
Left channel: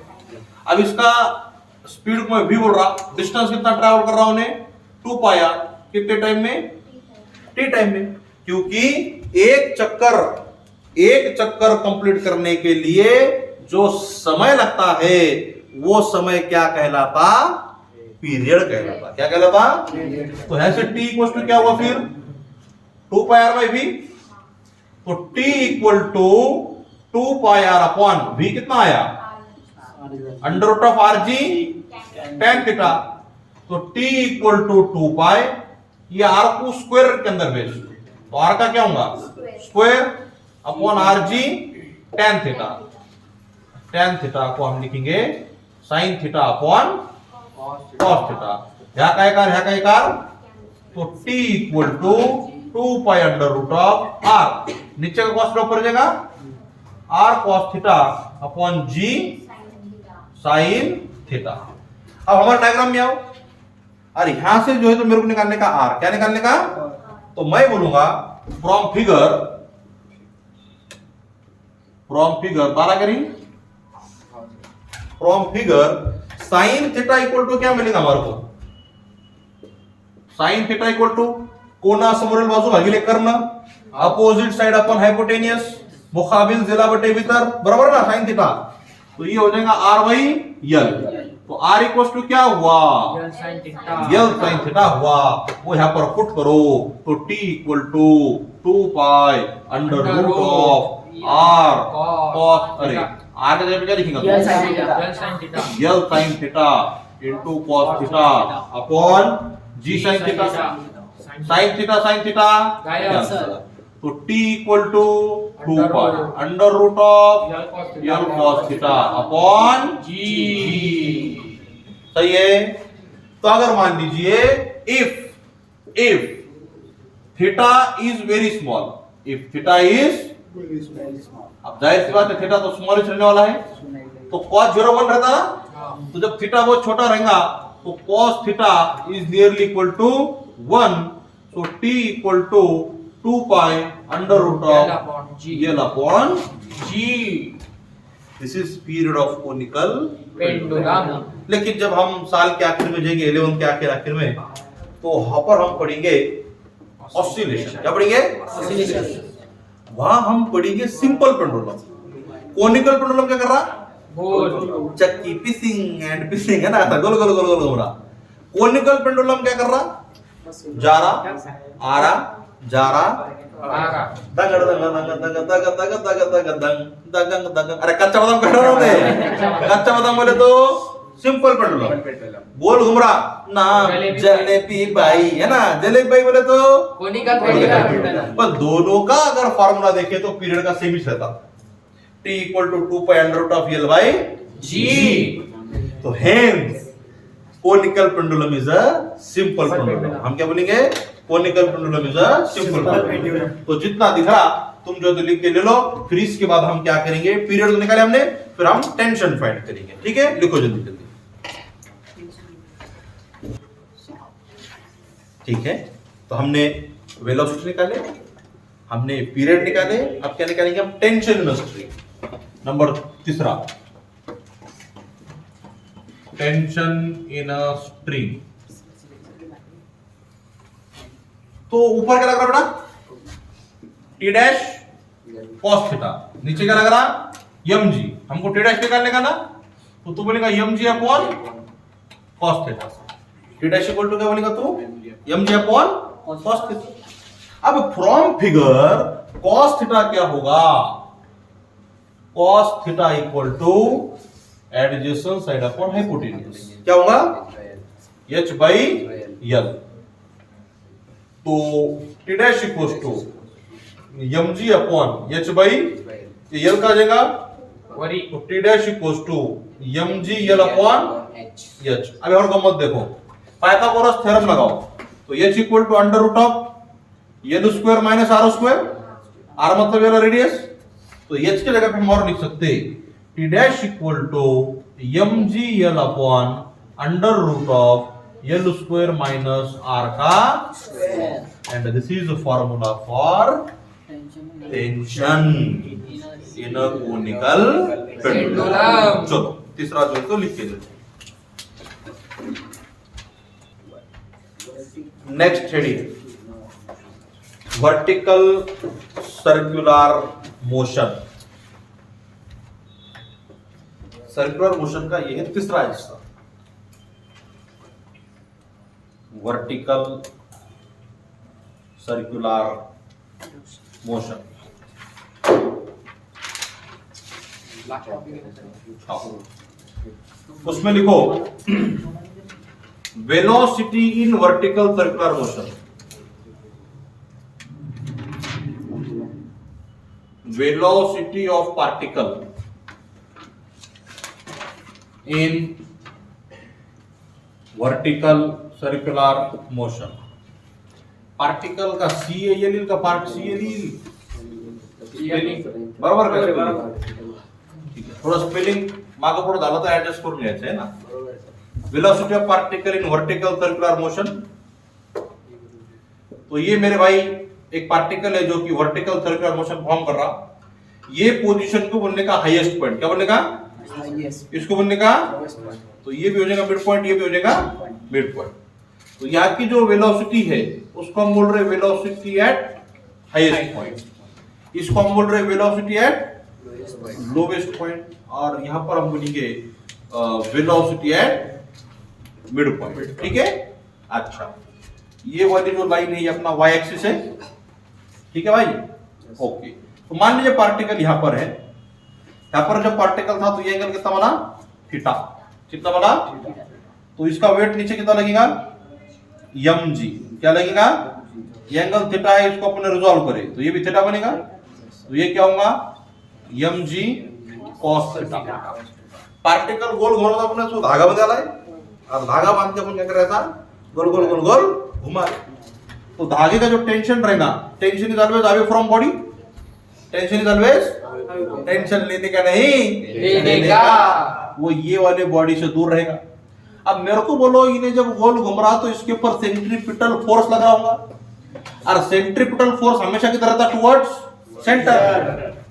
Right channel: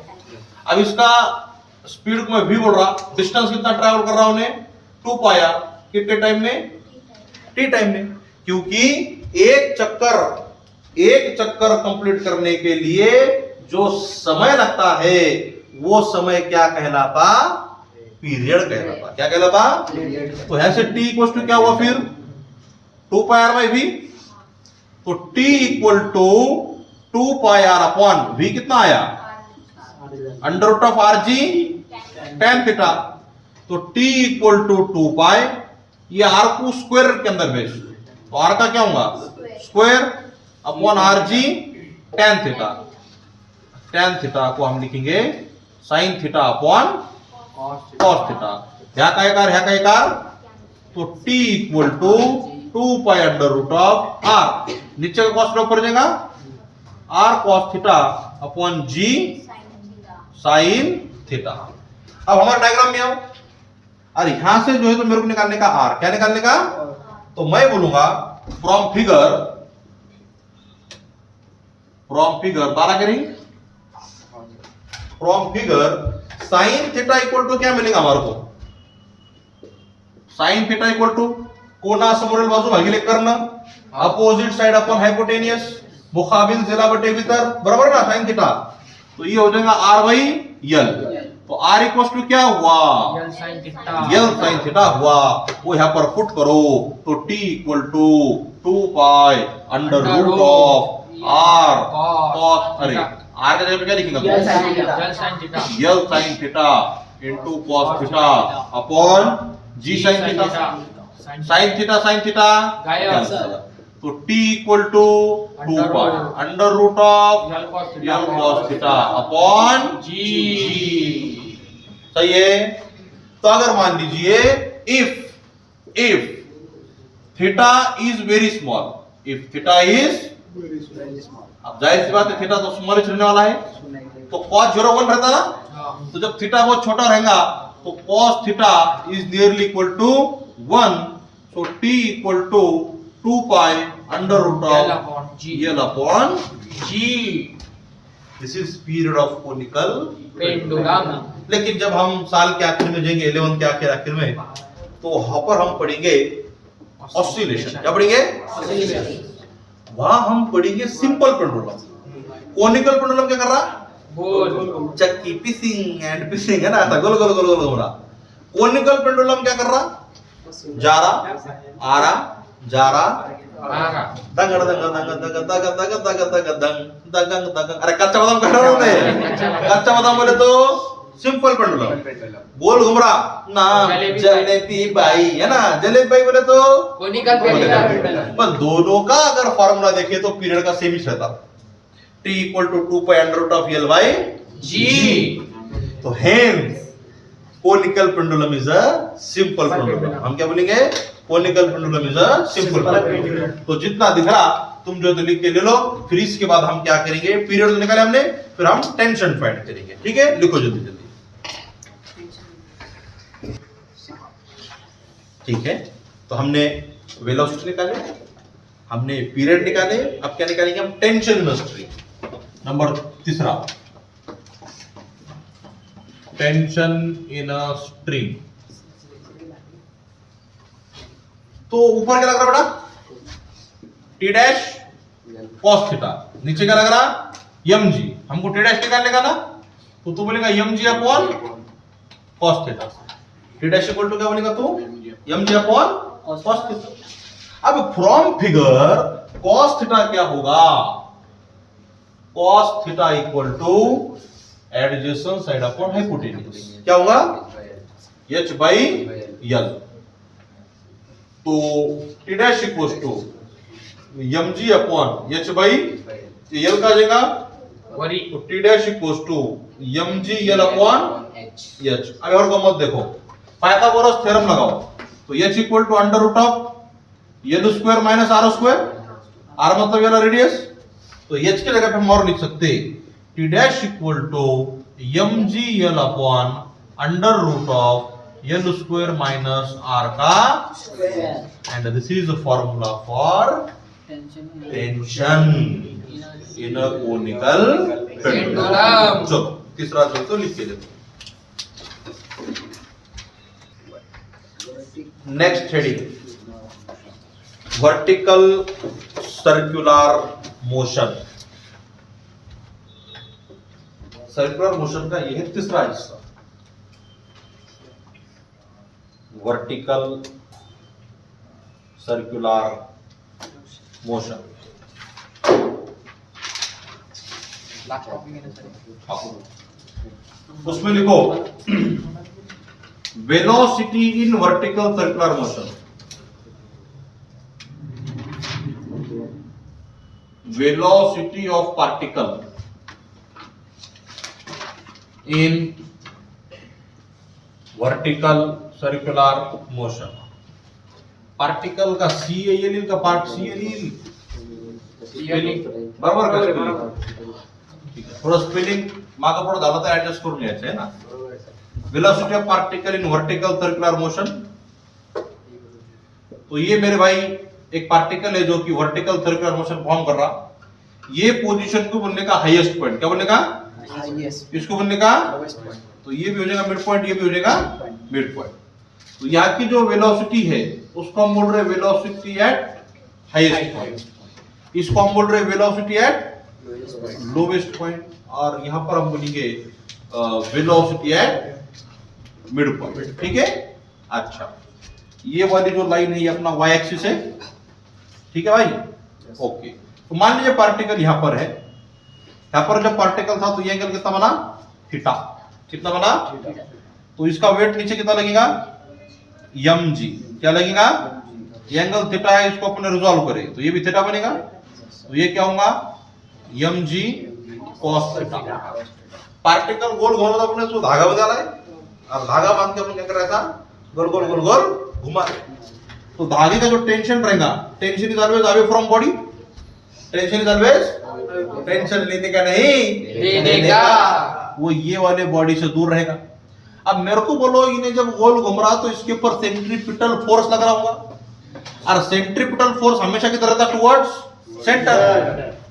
अब इसका स्पीड को मैं v बोल रहा, डिस्टेंस कितना ट्रैवल कर रहा हूं, 2 पाया, कितने टाइम में, t टाइम में। क्योंकि एक चक्कर कंप्लीट करने के लिए जो समय लगता है वो समय क्या कहलाता, पीरियड कहलाता। क्या कहलाता, तो ऐसे t इक्वल टू क्या हुआ फिर 2 पाई r बाई v। तो t equal to 2 pi r upon v कितना आया, under root of rg tan theta. तो t इक्वल टू 2 पाई, ये r को स्क्वायर के अंदर भेज, तो r का क्या होगा, square upon rg tan theta. tan theta को हम लिखेंगे sin theta upon cos theta. ह्या काय कार, तो t equal to 2 pi under root of r, नीचे का कॉस ऊपर जाएगा, r cos theta upon g sin theta. अब हमारा डायग्राम में आओ, और यहां से जो है तो मेरे को निकालने का r, क्या निकालने का, तो मैं बोलूंगा फ्रॉम फिगर बारागरिंग, from figure sin theta equal to क्या मिलेगा हमारे को, sin थीटा इक्वल टू कोना समोरील बाजू भागिले कर्ण, अपोजिट साइड अपॉन हाइपोटेनियस, मुकाबिल जिला बटे भीतर, बराबर ना sin थीटा। तो ये हो जाएगा r बाई l। तो r इक्वल टू क्या हुआ, l sin थीटा हुआ। वो यहां पर पुट करो, तो t equal to 2 pi under root of r cos, अरे r के जगह पे क्या लिखेंगे, l sin theta into cos theta upon g sin theta. sin theta तो t equal to 2 pi under root of l cos theta upon g। सही है। तो अगर मान लीजिए if theta is very small, if theta is, अब जाहिर सी बात है थीटा तो स्मॉल रहने वाला है, तो cos 0 1 रहता ना। तो जब थीटा बहुत छोटा रहेगा तो cos theta is nearly equal to 1। So t equal to 2 pi under root of l upon g। This is period of conical pendulum. लेकिन जब हम साल के आखिर में जाएंगे 11th के आखिर में, तो वहां पर हम पढ़ेंगे ऑसिलेशन। क्या पढ़ेंगे? वहां हम पढ़ेंगे सिंपल पेंडुलम। कोनिकल पेंडुलम क्या कर रहा? गोल। चक्की पिसिंग एंड पिसिंग है ना, ऐसा गोल गोल गोल गोल घूम रहा। कोनिकल पेंडुलम क्या कर रहा? जा रहा, आ रहा, जा रहा, आगा। दंग दंग दंग दंग दंग दंग दंग दंग दंग दंग। अरे कच्चा बादाम कह रहा हूं मैं। कच्चा बादाम बोले तो सिंपल पेंडुलम। गोल घूम रहा, नाम जलेबी बाई है ना, जलेबी बाई बोले तो कोनिकल पेंडुलम। पर दोनों का अगर फॉर्मूला देखे तो पीरियड का सेम ही रहता। T = 2 pi under root of L by G। तो hence conical pendulum is a simple pendulum। हम क्या बोलेंगे? conical pendulum is a simple pendulum। तो जितना दिख रहा तुम जो तो लिख के ले लो। फिर इसके बाद हम क्या करेंगे? पीरियड तो निकाले हमने, फिर हम टेंशन फाइंड करेंगे। ठीक है, लिखो जल्दी जल्दी। ठीक है, तो हमने वेलोसिटी निकाले, हमने पीरियड निकाले, अब क्या निकालेंगे हम? Tension in a string. Number तीसरा, टेंशन इन अ स्ट्रिंग। तो ऊपर क्या लग रहा बेटा? T dash cos theta. नीचे क्या लग रहा? M G. हमको टी डैश निकालने का ना, तो तू बोलेगा M G upon cos theta. T dash equal to क्या बोलेगा तू? M G upon cos theta. अब फ्रॉम फिगर कॉस थीटा क्या होगा? cos theta equal to adjacent side upon hypotenuse। क्या होगा? h by l। तो t dash equals to mg upon h by l का जाएगा वरी। तो t dash equals to mg l upon h। अब और गम्मत देखो, पाइथागोरस थ्योरम लगाओ तो h equal to under root of l square minus r square. r मतलब ये रेडियस, तो h की जगह पे हम और लिख सकते t dash equal to mg l upon under root of l square minus r का and this is the formula for tension in a conical pendulum. चलो तीसरा जो तो लिख के देते। Next heading, vertical circular motion. Circular motion का यह है तीसरा हिस्सा, वर्टिकल सर्कुलर मोशन। उसमें लिखो velocity in vertical circular motion. velocity of particle in vertical circular motion। Particle का CAL का पार्ट CAL बरोबर का स्पेलिंग? थोड़ा स्पेलिंग मागं पुढे झालं तर ऍडजस्ट करून घ्यायचं आहे ना। Velocity of particle in vertical circular motion. तो ये मेरे भाई एक पार्टिकल है जो कि वर्टिकल सर्कुलर मोशन फॉर्म कर रहा। ये पोजीशन को बोलने का हाईएस्ट पॉइंट। क्या बोलने का? इसको बोलने का, तो ये भी हो जाएगा मिड पॉइंट, ये भी हो जाएगा मिड पॉइंट। तो यहाँ की जो वेलोसिटी है उसको हम बोल रहे हैं वेलोसिटी एट हाईएस्ट पॉइंट। इसको हम बोल रहे हैं वेलोसिटी एट लोवेस्ट पॉइंट, और यहाँ पर हम बोलेंगे वेलोसिटी एट मिड पॉइंट। ठीक है, अच्छा ये वाली जो लाइन है ये अपना वाई एक्सिस है। ठीक है भाई, ओके। तो मान लीजिए पार्टिकल यहां पर है, यहां पर जब पार्टिकल था तो ये एंगल कितना बना? थीटा। कितना बना? तो इसका वेट नीचे कितना लगेगा? mg। क्या लगेगा? ये एंगल थीटा है, इसको अपने रिजॉल्व करें तो ये भी थीटा बनेगा, तो ये क्या होगा? mg cos theta. पार्टिकल गोल घूम रहा अपने तो धागा बदला है, और धागा बांध के अपन क्या कर रहा था? गोल गोल गोल गोल घुमा। तो धागे का जो टेंशन रहेगा, tension is always away from body. Tension is always, tension लेने का नहीं देने का, वो ये वाले बॉडी से दूर रहेगा। अब मेरे को बोलो, इन्हें जब गोल घूम रहा तो इसके ऊपर सेंट्रीपिटल फोर्स लग रहा होगा, और सेंट्रीपिटल फोर्स हमेशा किधर रहता? Towards centre.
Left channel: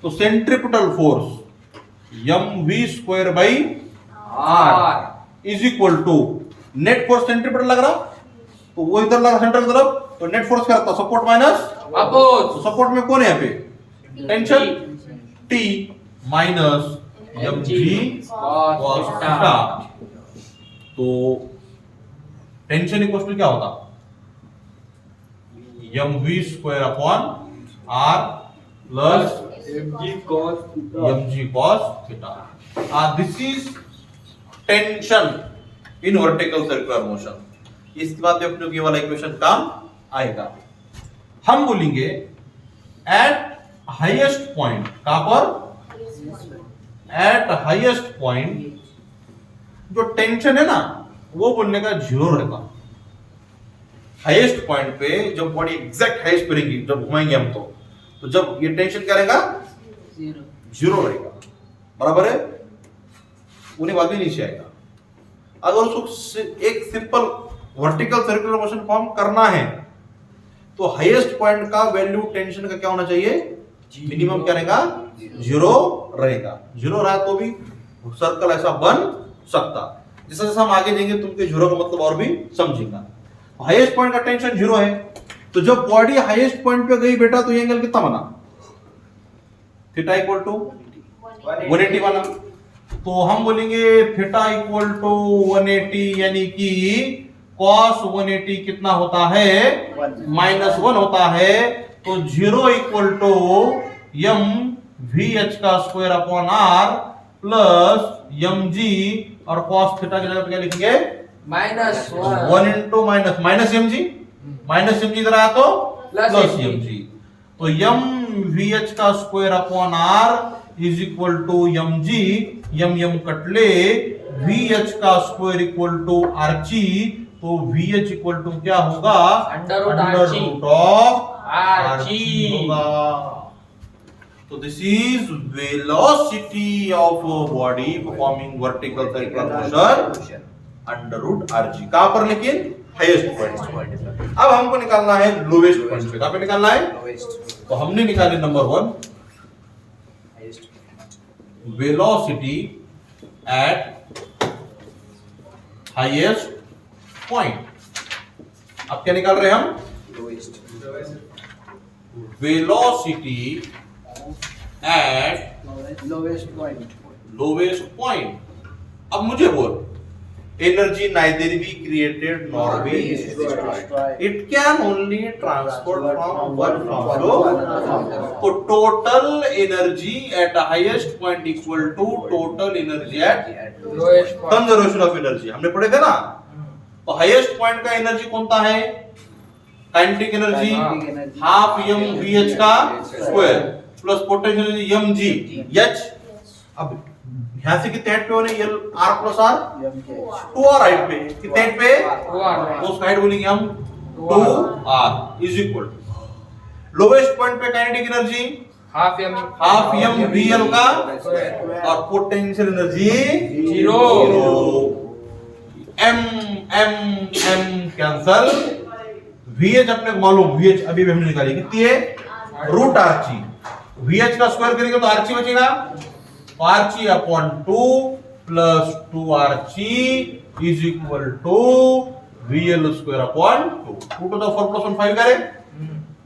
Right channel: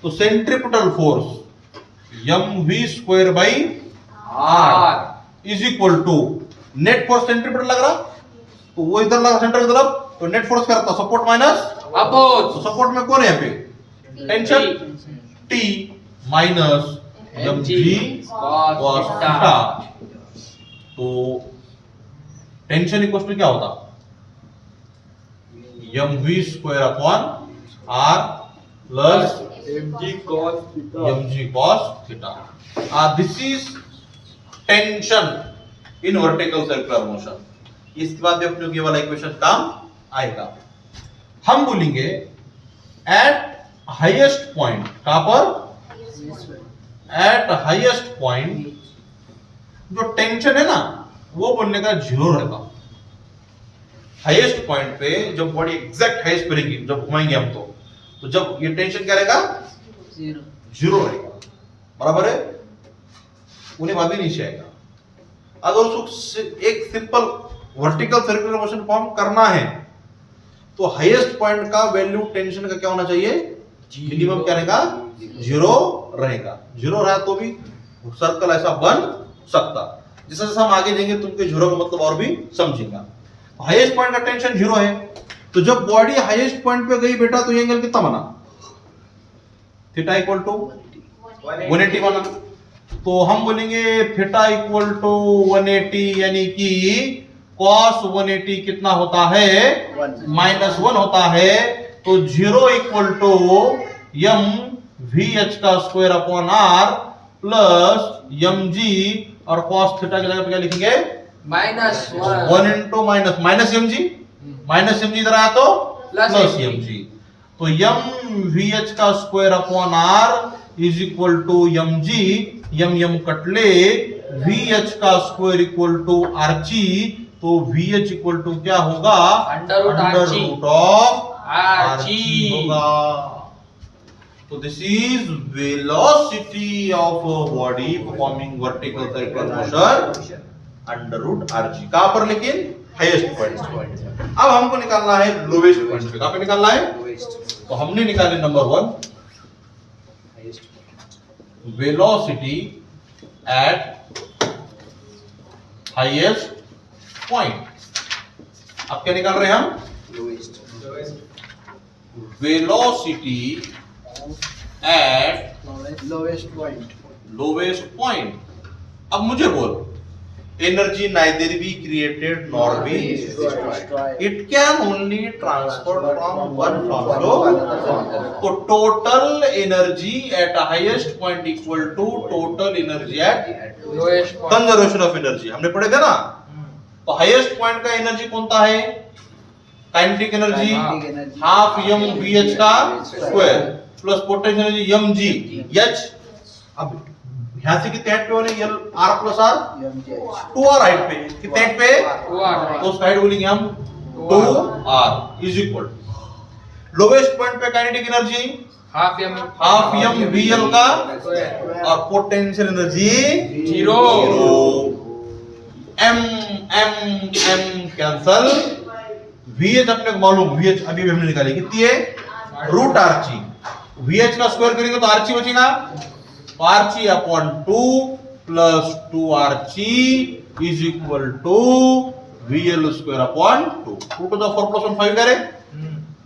तो centripetal force mv square by R is equal to net force centripetal लग रहा, तो वो इधर लगा सेंटर की तरफ, तो नेट फोर्स क्या रहता, सपोर्ट माइनस अपोज तो सपोर्ट में कौन है यहाँ पे, tension T minus mg cos theta. तो टेंशन इक्वल टू क्या होता, mv square upon r plus mg cos theta. This is tension in vertical circular motion. इसके बाद भी अपने को ये वाला इक्वेशन काम आएगा। हम बोलेंगे एट हाईएस्ट पॉइंट, कहां पर, एट हाईएस्ट पॉइंट जो टेंशन है ना वो बोलने का जीरो रहेगा। हाईएस्ट पॉइंट पे जब बॉडी एग्जैक्ट हाईएस्ट पे रहेगी, जब घुमाएंगे हम तो जब ये टेंशन क्या रहेगा, जीरो रहेगा, बराबर है, उन्हें बाद ही नीचे आएगा। अगर उसको एक simple vertical circular motion form करना है तो हाईएस्ट पॉइंट का वैल्यू टेंशन का क्या होना चाहिए, मिनिमम क्या रहेगा, जीरो रहेगा। जीरो रहा तो भी सर्कल ऐसा बन सकता। जैसे जैसे हम आगे जाएंगे तुमके जीरो का मतलब और भी समझेगा। हाईएस्ट पॉइंट का टेंशन जीरो है, तो जब बॉडी हाईएस्ट पॉइंट पे गई बेटा तो ये एंगल कितना बना, थीटा इक्वल टू 180 बना। तो हम बोलेंगे थीटा इक्वल टू 180, यानी कि cos 180 कितना होता है, -1 होता है। तो 0 इक्वल टू m vh का square upon r plus mg, और cos थीटा की जगह पे क्या लिखेंगे, -1 इंटू माइनस mg इधर आया तो प्लस mg। तो m vh का square upon r is equal to mg, m कटले, vh का स्क्वायर इक्वल टू rg, तो vh इक्वल टू क्या होगा, अंडर रूट ऑफ rg होगा। तो this is velocity of body performing vertical circular motion under root rg, कहां पर, लेकिन हाईएस्ट पॉइंट। अब हमको निकालना है लोवेस्ट पॉइंट पे, कहां पे निकालना है, तो हमने निकाले number 1 velocity at highest point. अब क्या निकाल रहे हैं हम, वेलोसिटी एट लोवेस्ट पॉइंट। अब मुझे बोल, energy neither be created nor be, it can only transfer from one form to. तो total energy at highest point equal to total energy at lowest point. Conservation of energy हमने पढ़े थे ना। तो highest point का energy कौन सा है, kinetic energy half m vh का square plus potential energy mg h। अब यहां से कितने हाइट पे होने, l r plus r 2r height पे, कितने हाइट पे, 2r, तो साइड बोलेंगे हम 2r is equal lowest point पे kinetic energy half m vl का स्क्वायर और potential energy zero. m cancel, vh अपने को मालूम, vh अभी भी हमने निकाली कितनी है, रूट rc। vh का स्क्वायर करेंगे तो rc बचेगा, तो rc upon 2 plus 2rc is equal to vl square upon 2। 2 to the 4 plus 1 5 करे,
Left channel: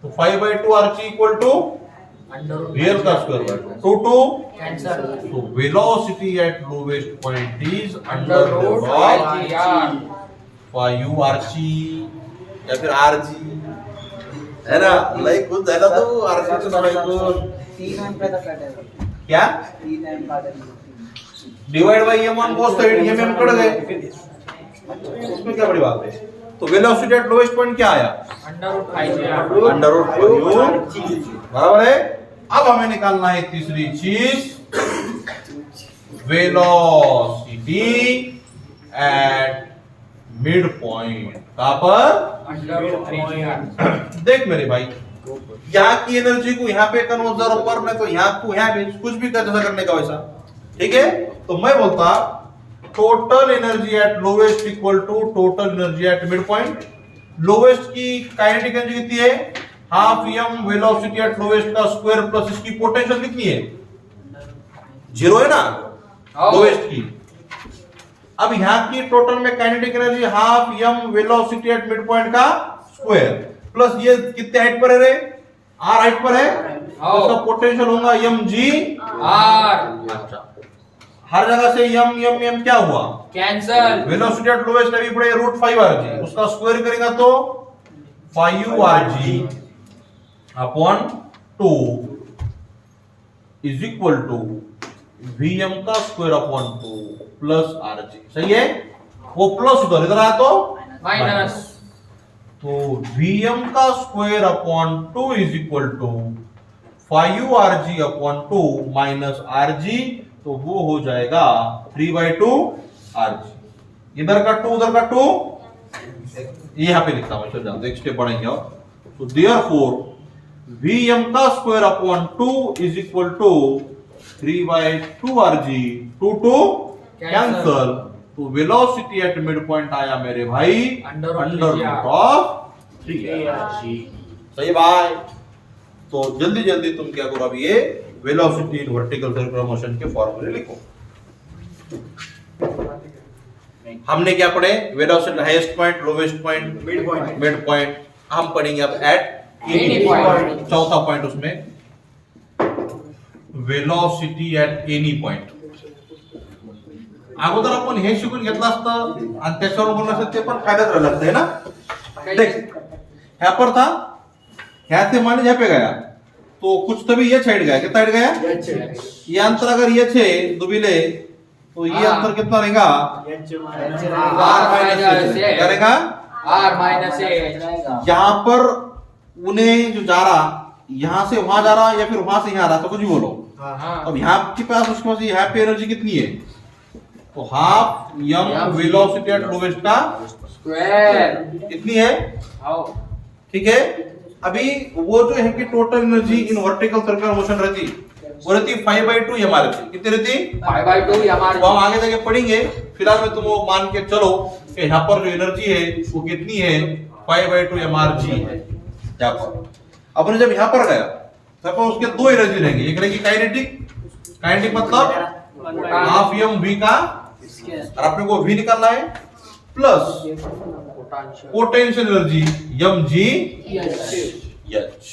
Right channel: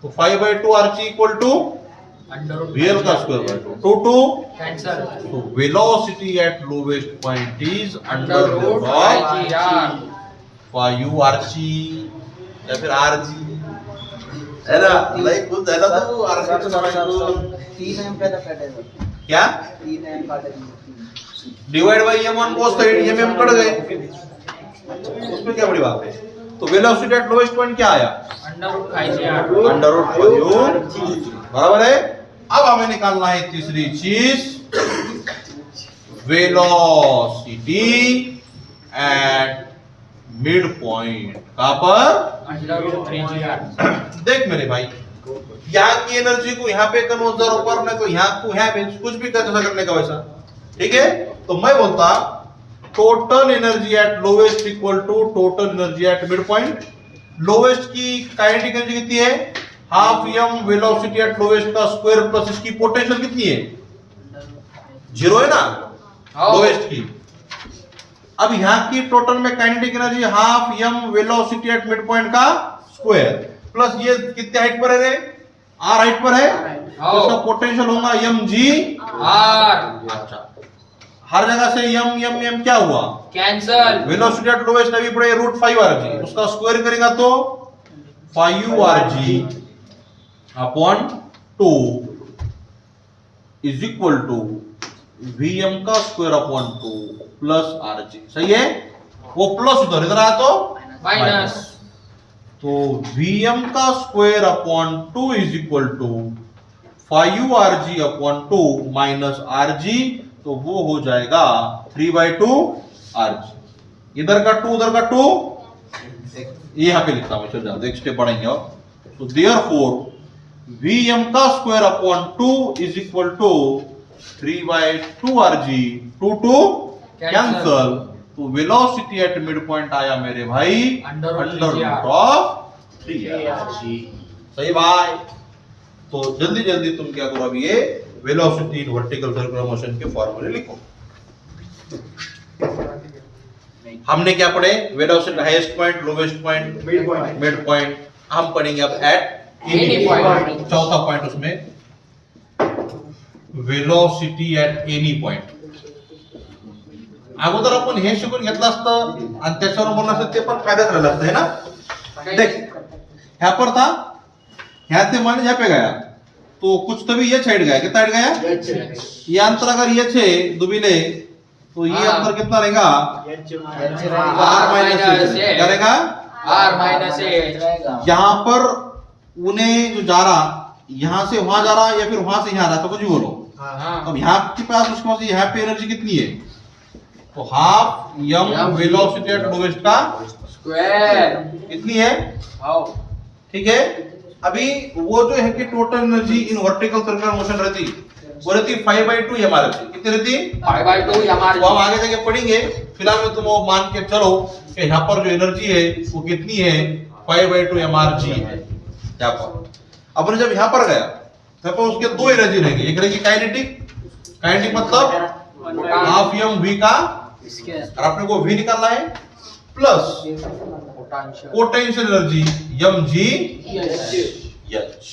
तो 5/2 rc equal to under root vl का स्क्वायर बाय 2 2 कैंसल, तो velocity at lowest point is under under root root of r 5rc या फिर rg है ना, like कुछ है ना, तो rc तो थोड़ा क्या divide by m1 cos theta, mm cut गए, उसमें क्या बड़ी बात है। तो वेलोसिटी एट लोवेस्ट पॉइंट क्या आया, under root 5r under root 5 बराबर है। अब हमें निकालना है तीसरी चीज, वेलोसिटी एट मिड पॉइंट, कहां पर, अंडर रूट 3r। देख मेरे भाई, यहाँ की एनर्जी को यहाँ पे कन्वर्ट करना, तो यहाँ को यहाँ पे कुछ भी कर करने का वैसा, ठीक है। तो मैं बोलता total energy at lowest equal to total energy at mid point. Lowest की काइनेटिक एनर्जी कितनी है, half m velocity at lowest का स्क्वायर प्लस इसकी पोटेंशियल कितनी है, 0 है ना हो. लोएस्ट की। अब यहाँ की टोटल में kinetic energy half m velocity at mid point का स्क्वायर प्लस ये कितने हाइट पर है रे, r हाइट पर है, तो उसका पोटेंशियल होगा mg R अच्छा हर जगह से m क्या हुआ कैंसल. वेलोसिटी एट लोएस्ट अभी पड़े √5rg, उसका स्क्वायर करेगा तो 5rg upon 2 is equal to Vm का स्क्वायर अपॉन 2 प्लस Rg। सही है, वो प्लस उधर इधर आया तो माइनस. तो Vm का square upon 2 is equal to 5rg upon 2 minus Rg, तो वो हो जाएगा 3/2 Rg। इधर का 2 उधर का 2, ये यहाँ पे लिखता हूं, चल जाओ एक स्टेप बढ़ेंगे और तो देयरफॉर Vm का square upon 2 is equal to 3/2 Rg, 2 cancel, तो वेलोसिटी एट मिड पॉइंट आया मेरे भाई Under root under 3R. Root of 3R। सही भाई, तो जल्दी जल्दी तुम क्या करो, अभी ये velocity in vertical circular motion के फॉर्मूले लिखो। हमने क्या पढ़े, velocity highest point, lowest point, mid point. हम पढ़ेंगे अब एट Any point. चौथा पॉइंट उसमें वेलोसिटी एट एनी पॉइंट। अगोदर आपण हे शिकून घेतलं असतं आणि त्याच्यावर बोलणं असतं, ते पण फायद्यात राहिलं असतं है ना। देख यहाँ पर था, यहाँ से मान यहाँ पे गया तो कुछ तभी ये साइड गया, कितना साइड गया, ये अंतर अगर ये छे दुबिले तो ये हाँ। अंतर कितना रहेगा, R minus क्या रहेगा, R minus A. यहाँ पर उन्हें जो जा रहा यहाँ से वहां जा रहा या फिर वहां से यहाँ आ रहा, तो कुछ भी बोलो। हाँ. अब यहाँ के पास उसके पास यहाँ पे एनर्जी कितनी है, तो half m velocity at lowest का Square. कितनी है, हो. ठीक है। अभी वो जो है कि total energy in vertical circular motion रहती, वो रहती 5/2 m रहती, कितनी रहती, 5/2 हमारी. वो हम आगे जाके पढ़ेंगे। फिलहाल में तुम वो मान के चलो कि यहाँ पर जो एनर्जी है वो कितनी है, 5/2 mrg है यहाँ पर। अपन जब यहाँ पर गया तब उसके दो एनर्जी रहेंगी, एक रहेगी काइनेटिक, काइनेटिक मतलब हाफ m v का, और अपने को v निकालना है, plus potential energy mg h।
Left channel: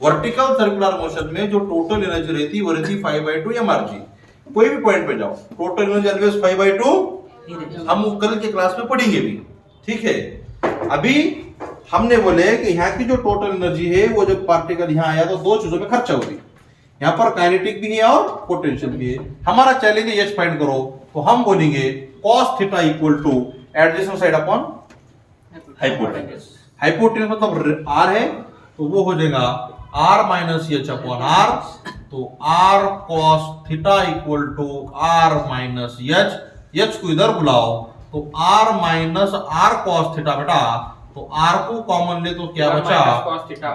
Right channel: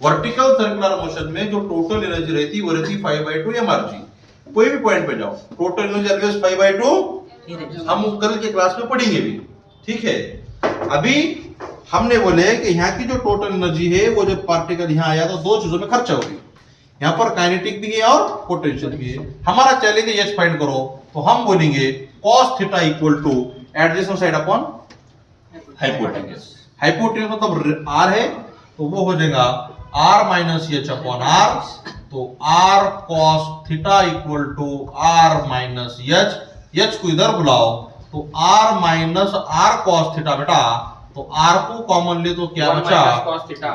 Vertical circular motion में जो टोटल एनर्जी रहती है वो रहती 5/2 mrg। कोई भी पॉइंट पे जाओ टोटल एनर्जी ऑलवेज 5/2, हम कल के क्लास में पढ़ेंगे भी, ठीक है। अभी हमने बोले कि यहाँ की जो टोटल एनर्जी है वो जब पार्टिकल यहाँ आया तो दो चीजों में खर्चा होगी, यहाँ पर काइनेटिक भी है और पोटेंशियल भी है। हमारा चैलेंज है एच फाइंड करो, तो हम बोलेंगे cos theta equal to adjacent side upon hypotenuse. Hypotenuse मतलब r है, तो वो हो जाएगा r minus H upon r, तो r cos theta equal to r minus H, H को इधर बुलाओ तो r minus r cos theta बेटा, तो r को कॉमन ले तो क्या बचा,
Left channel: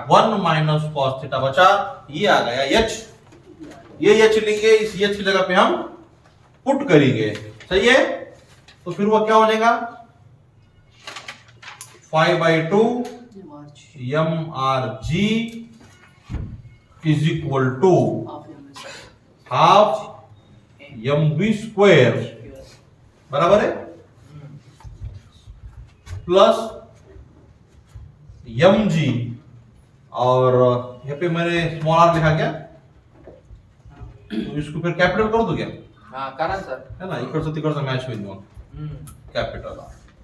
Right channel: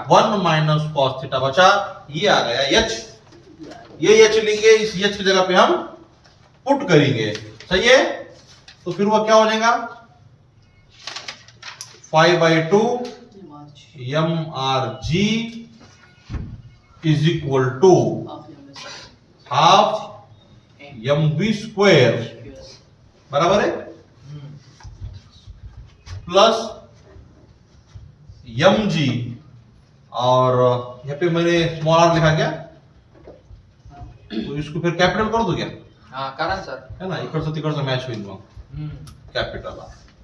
1 माइनस cos थीटा बचा, ये आ गया h। ये h लेंगे, इस h की जगह पे हम पुट करेंगे, सही है। तो फिर वो क्या हो जाएगा, 5/2 mrg is equal to half mv square, बराबर है, प्लस mg, और यहाँ पे मैंने स्मॉल r लिखा क्या, तो इसको फिर कैपिटल कर दो क्या, हाँ करा सर. है ना, इकडचं तिकडचं मॅच होईल मग कैपिटल।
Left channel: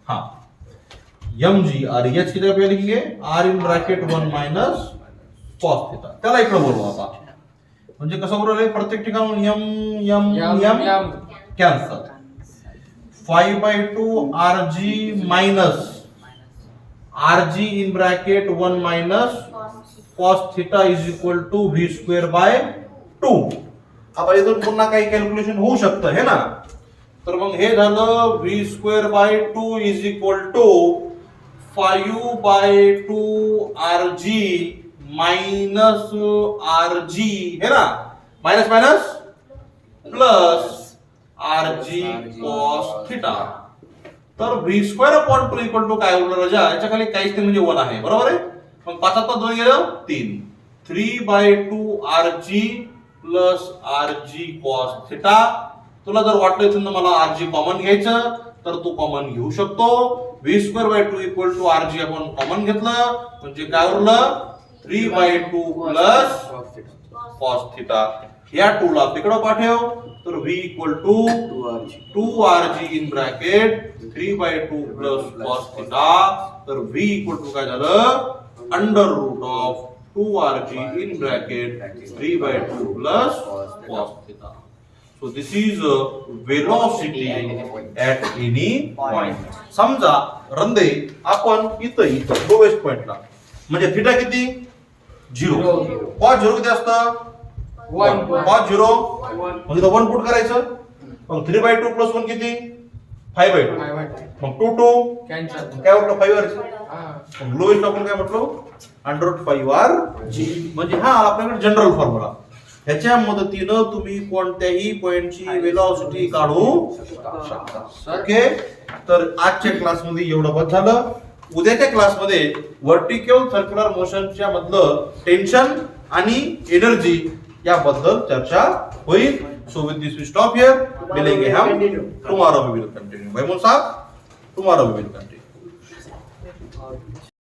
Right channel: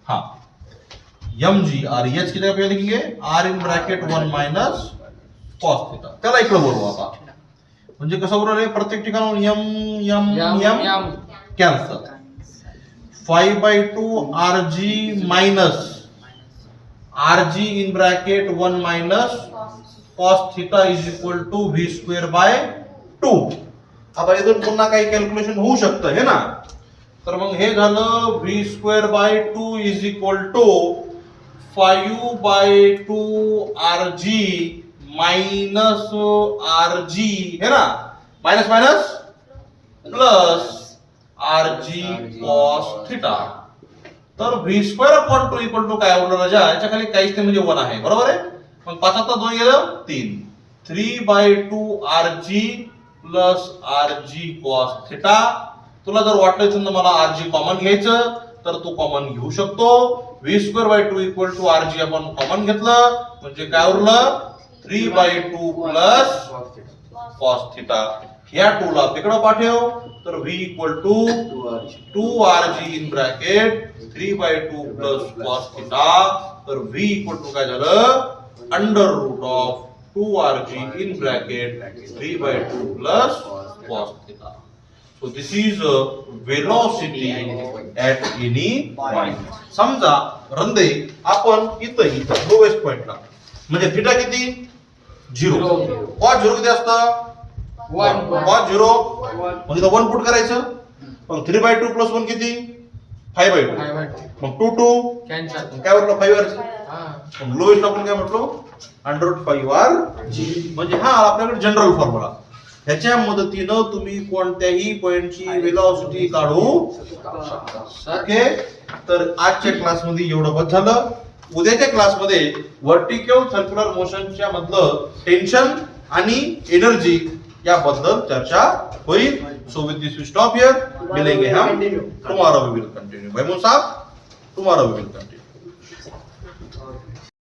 हाँ mg और h की जगह पे लिखेंगे r इन ब्रॅकेट 1 माइनस cos थीटा, त्याला इकडे बोलू आता, म्हणजे कसं बरोबर आहे, प्रत्येक ठिकाणी m cancel, 5/2 rg minus rg in bracket 1 minus cos theta is equal to v square by 2। आता इथून पुन्हा काही कॅल्क्युलेशन होऊ शकतं है ना, तर मग हे झालं v square by 2 is equal to 5/2 rg minus rg है ना, minus minus plus rg cos theta, तर v square upon 2 equal to काय होणार राजा, याच्या खाली काहीच नाही म्हणजे 1 आहे, बरोबर आहे। मग 5 आता 2 गेलं 3, 3/2 rg plus R G cos theta. तुला जर वाटलं इथून मला आर जी कॉमन घ्यायचं तर तू कॉमन घेऊ शकतो. v²/2 equal to R G आपण कॉमन घेतलं म्हणजे काय उरलं 3/2 प्लस कॉस थिटा. या 2 ला तिकडं पाठव तर v equal to 2rg in bracket 3/2 plus cos theta. तर v इक्वल टू काय झालं under root of 2rg in bracket 3/2 plus cos theta. So this is velocity at any point. समजा रंदे आपण इथं लोवेस्ट पॉइंटला म्हणजे थिटा किती 0. कॉस 0 किती असतं 1 कॉस 0 मग इथं 1 पुट करायचं. मग 3/2 प्लस 1 किती 5/2. मग 2 कॅन्सल. काय उरलं 5r. मग लोवेस्ट आपण काय म्हटलो √5r म्हणजे हा आपल्याकडे जनरल फॉर्म्युला. ह्याच्या मदतीनं तुम्ही कोणत्याही पॉइंटची वेलॉसिटी काढू शकता. ओके. तर आजच्या क्लासमध्ये एवढं बस झालं. उद्याच्या क्लासमध्ये व्हर्टिकल सर्क्युलर मोशनच्या मधलं टेन्शन आणि एनर्जी याबद्दल चर्चा होईल. So with this we stop here. मिलेंगे हम टुमारो वी विल कंटिन्यू. भाई साहब टुमारो वी विल कंटिन्यू.